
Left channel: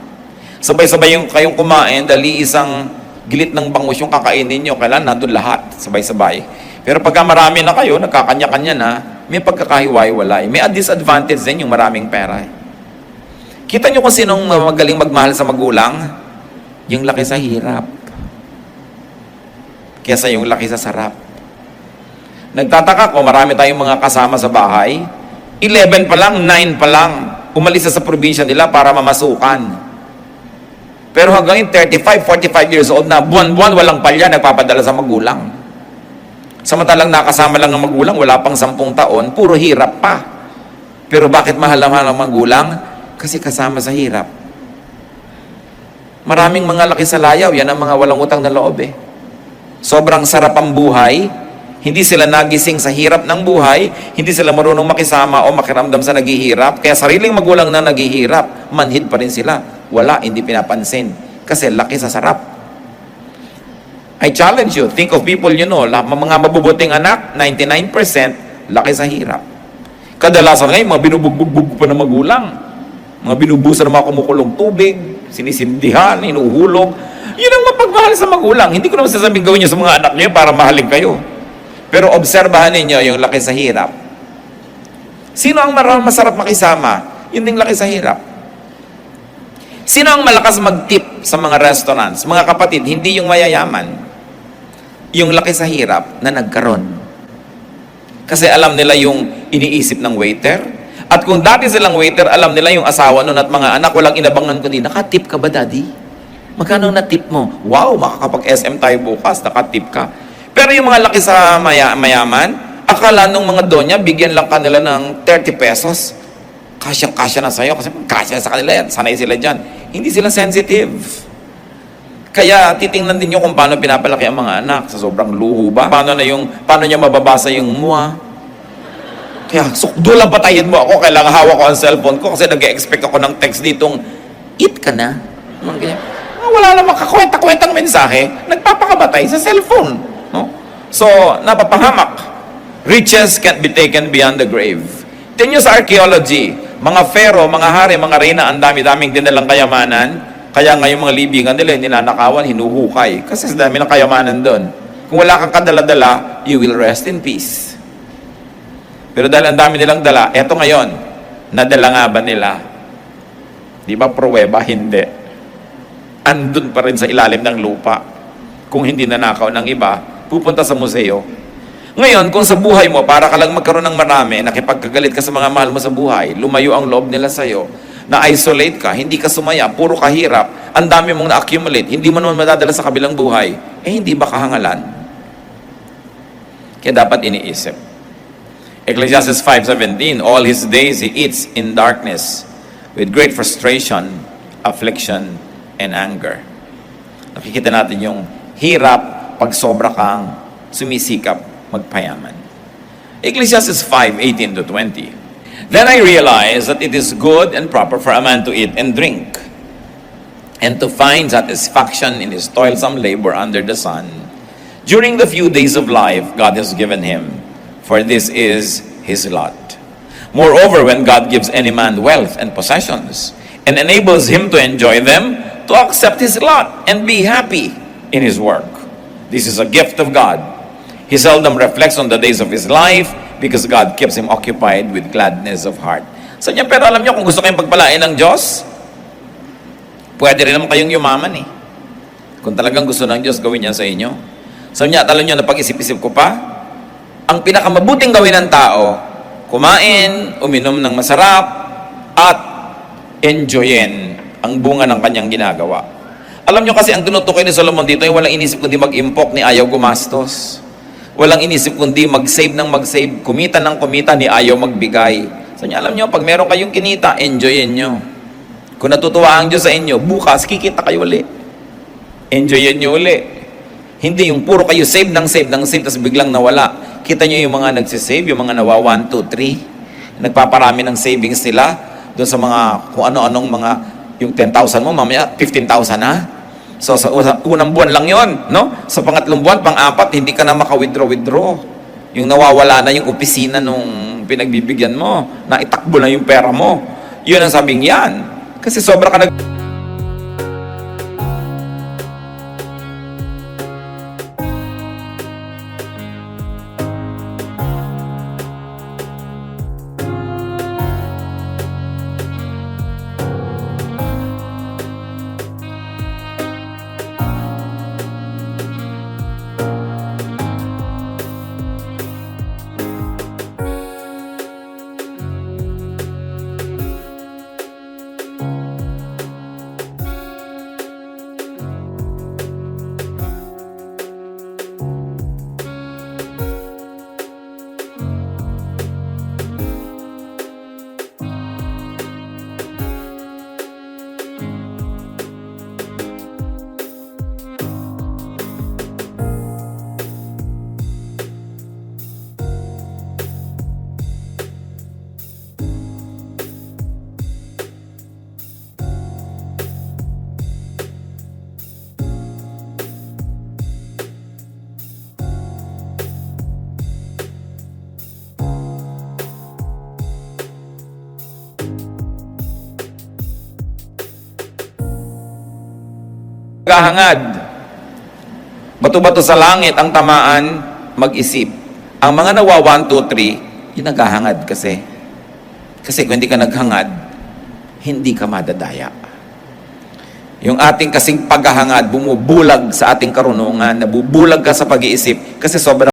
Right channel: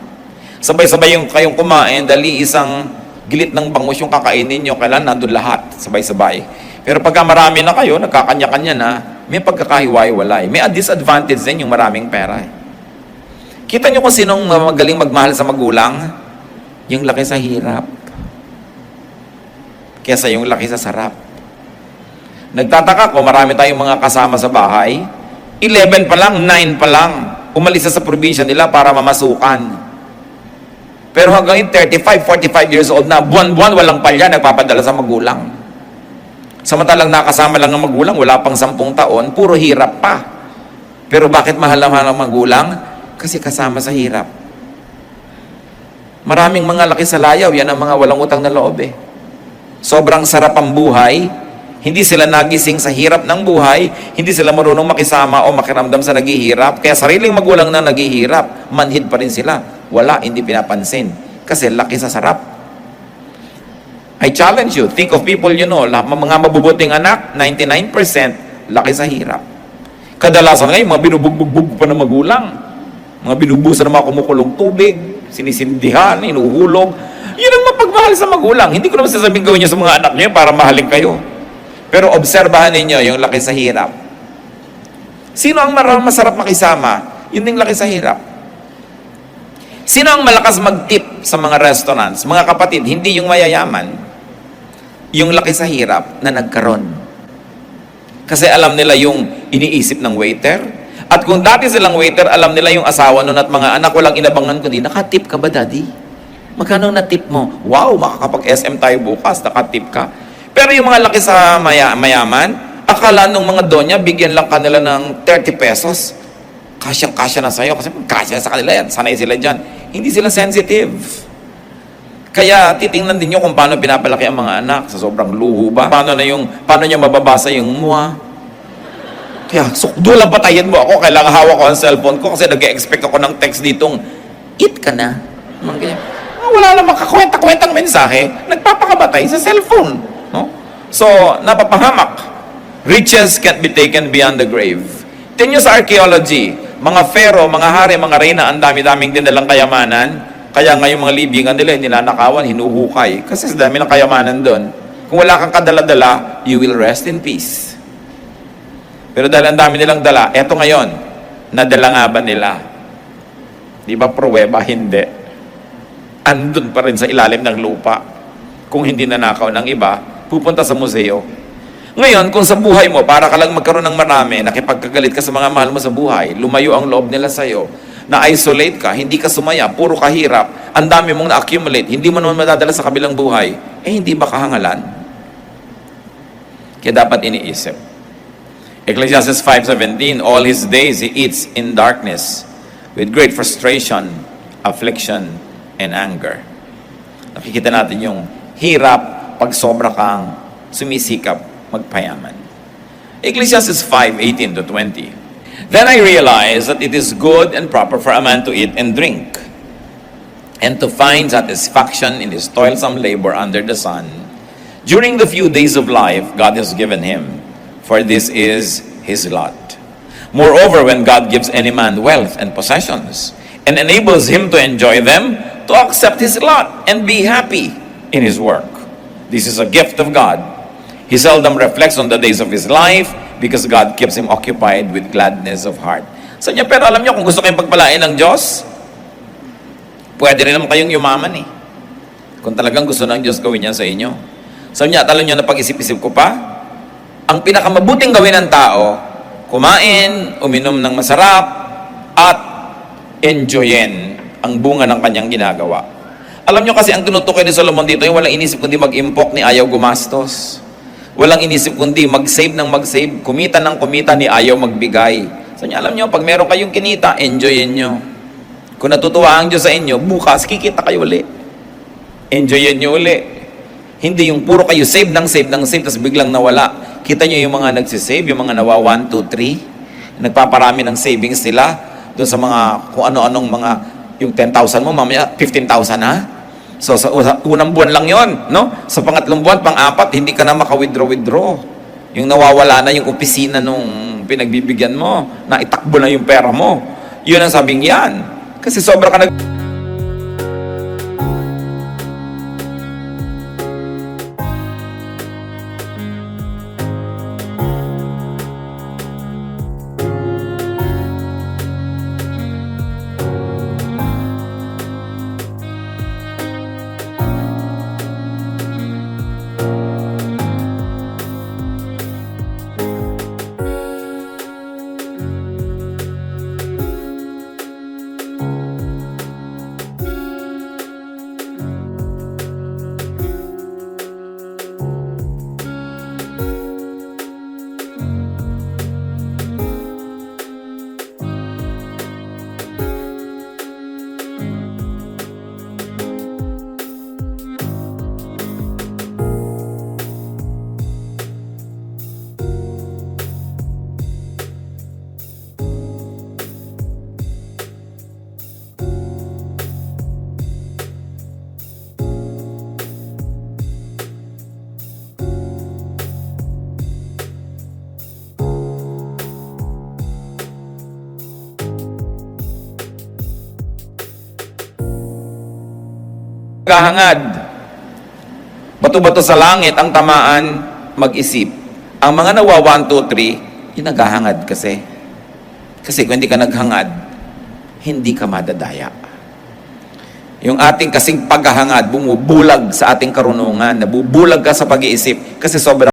Sabay-sabay yung kayong kumain dahil isang gilit ng bangus yung kakainin nyo, kailan nandun lahat, sabay-sabay. Pero pagka marami na kayo, nagkakanya-kanya na, may pagkakahiwa-hiwalay. May disadvantage din yung maraming pera. Kita nyo kung sinong magaling magmahal sa magulang? Yung laki sa hirap. Kesa yung laki sa sarap. Nagtataka ko, marami tayong mga kasama sa bahay, 11 pa lang, 9 pa lang, umalis na sa probinsya nila para mamasukan. Pero hanggang 35, 45 years old na, buwan-buwan walang palya, nagpapadala sa magulang. Samantalang nakasama lang ng magulang, wala pang 10 taon, puro hirap pa. Pero bakit mahal-mahal ang magulang? Kasi kasama sa hirap. Maraming mga laki sa layaw, yan ang mga walang utang na loob eh. Sobrang sarap ang buhay, hindi sila nagising sa hirap ng buhay, hindi sila marunong makisama o makiramdam sa naghihirap, kaya sariling magulang na naghihirap, manhid pa rin sila. Wala, hindi pinapansin. Kasi laki sa sarap. I challenge you, think of people you know, mga mabubuting anak, 99% laki sa hirap. Kadalasan ngayon, mga binubugbog pa ng magulang, mga binubusan ng mga kumukulong tubig, sinisindihan, inuhulog. Yun ang mapagmahal sa magulang. Hindi ko naman sasabing gawin nyo sa mga anak nyo para mahalin kayo. Pero obserbahan ninyo yung laki sa hirap. Sino ang masarap makisama? Yun din laki sa hirap. Sino ang malakas mag-tip sa mga restaurants? Mga kapatid, hindi yung mayayaman. Yung laki sa hirap na nagkaroon. Kasi alam nila yung iniisip ng waiter. At kung dati silang waiter, alam nila yung asawa nun at mga anak, walang inabangan kundi, nakatip ka ba, daddy? Magkano na tip mo? Wow, makakapag-SM tayo bukas, nakatip ka. Pero yung mga laki sa mayaman, akala nung mga donya, bigyan lang kanila ng 30 pesos. Kasyang-kasya na sa'yo, kasi kasya sa kanila yan, sanay sila dyan. Hindi sila sensitive. Kaya titingnan din nyo kung paano pinapalaki ang mga anak, sa sobrang luho ba? Paano niya mababasa yung mua? Kaya, sukdulang patayin mo ako, kailangan hawak ko ang cellphone ko kasi nag-expect ako ng text ditong, eat ka na. Wala namang kakwenta-kwentang mensahe, nagpapakamatay sa cellphone. No? So, napapahamak. Riches can't be taken beyond the grave. Tingnan nyo sa archaeology, mga pharaoh, mga hari, mga reyna, ang dami-daming dinalang kayamanan, kaya ngayon mga libingan nila, ninanakawan, hinuhukay. Kasi sa dami ng kayamanan doon. Kung wala kang kadala-dala, you will rest in peace. Pero dahil ang dami nilang dala, eto ngayon, nadala nga ba nila? Di ba pruweba? Hindi. Andun pa rin sa ilalim ng lupa. Kung hindi nanakaw ng iba, pupunta sa museo. Ngayon, kung sa buhay mo, para ka lang magkaroon ng marami, nakipagkagalit ka sa mga mahal mo sa buhay, lumayo ang loob nila sa'yo, na-isolate ka, hindi ka sumaya, puro kahirap, ang dami mong na-accumulate, hindi mo naman madadala sa kabilang buhay, hindi ba kahangalan? Kaya dapat iniisip. Ecclesiastes 5:17, all his days he eats in darkness, with great frustration, affliction, and anger. Nakikita natin yung hirap pag sobra kang sumisikap magpayaman. Ecclesiastes 5:18-20. Then I realized that it is good and proper for a man to eat and drink, and to find satisfaction in his toilsome labor under the sun, during the few days of life God has given him, for this is his lot. Moreover, when God gives any man wealth and possessions, and enables him to enjoy them, to accept his lot and be happy in his work. This is a gift of God. He seldom reflects on the days of his life because God keeps him occupied with gladness of heart. So niya, pero alam niyo, kung gusto kayong pagpalain ng Diyos, pwede rin naman kayong yumaman eh. Kung talagang gusto ng Diyos gawin niya sa inyo. So niya, alam niyo na pag-isip-isip ko pa, ang pinakamabuting gawin ng tao, kumain, uminom ng masarap, at enjoyin ang bunga ng kanyang ginagawa. Alam nyo kasi ang tinutukoy ni Solomon dito ay walang inisip kundi mag-impok ni ayaw gumastos. Walang inisip kundi mag-save ng mag-save, kumita ng kumita ni ayaw magbigay. So alam nyo, pag meron kayong kinita, enjoyin nyo. Kung natutuwa ang Diyos sa inyo, bukas kikita kayo uli. Enjoyin nyo uli. Hindi yung puro kayo save ng save ng save, tapos biglang nawala. Kita nyo yung mga nagsisave, yung mga nawa 1, 2, 3. Nagpaparami ng savings nila doon sa mga kung ano-anong mga yung 10,000 mo, mamaya 15,000 na. So sa unang buwan lang yon, no? Sa pangatlong buwan, pang-apat, hindi ka na maka-withdraw. Yung nawawala na yung opisina nung pinagbibigyan mo, na itakbo na yung pera mo. Yun ang sabing yan. Kasi sobra ka nag... Kahangad. Bato-bato sa langit ang tamaan, mag-isip. Ang mga nawa 1, 2, 3, yun naghahangad kasi. Kasi kung hindi ka naghangad, hindi ka madadaya. Yung ating kasing paghahangad, bumubulag sa ating karunungan, nabubulag ka sa pag-iisip kasi sobrang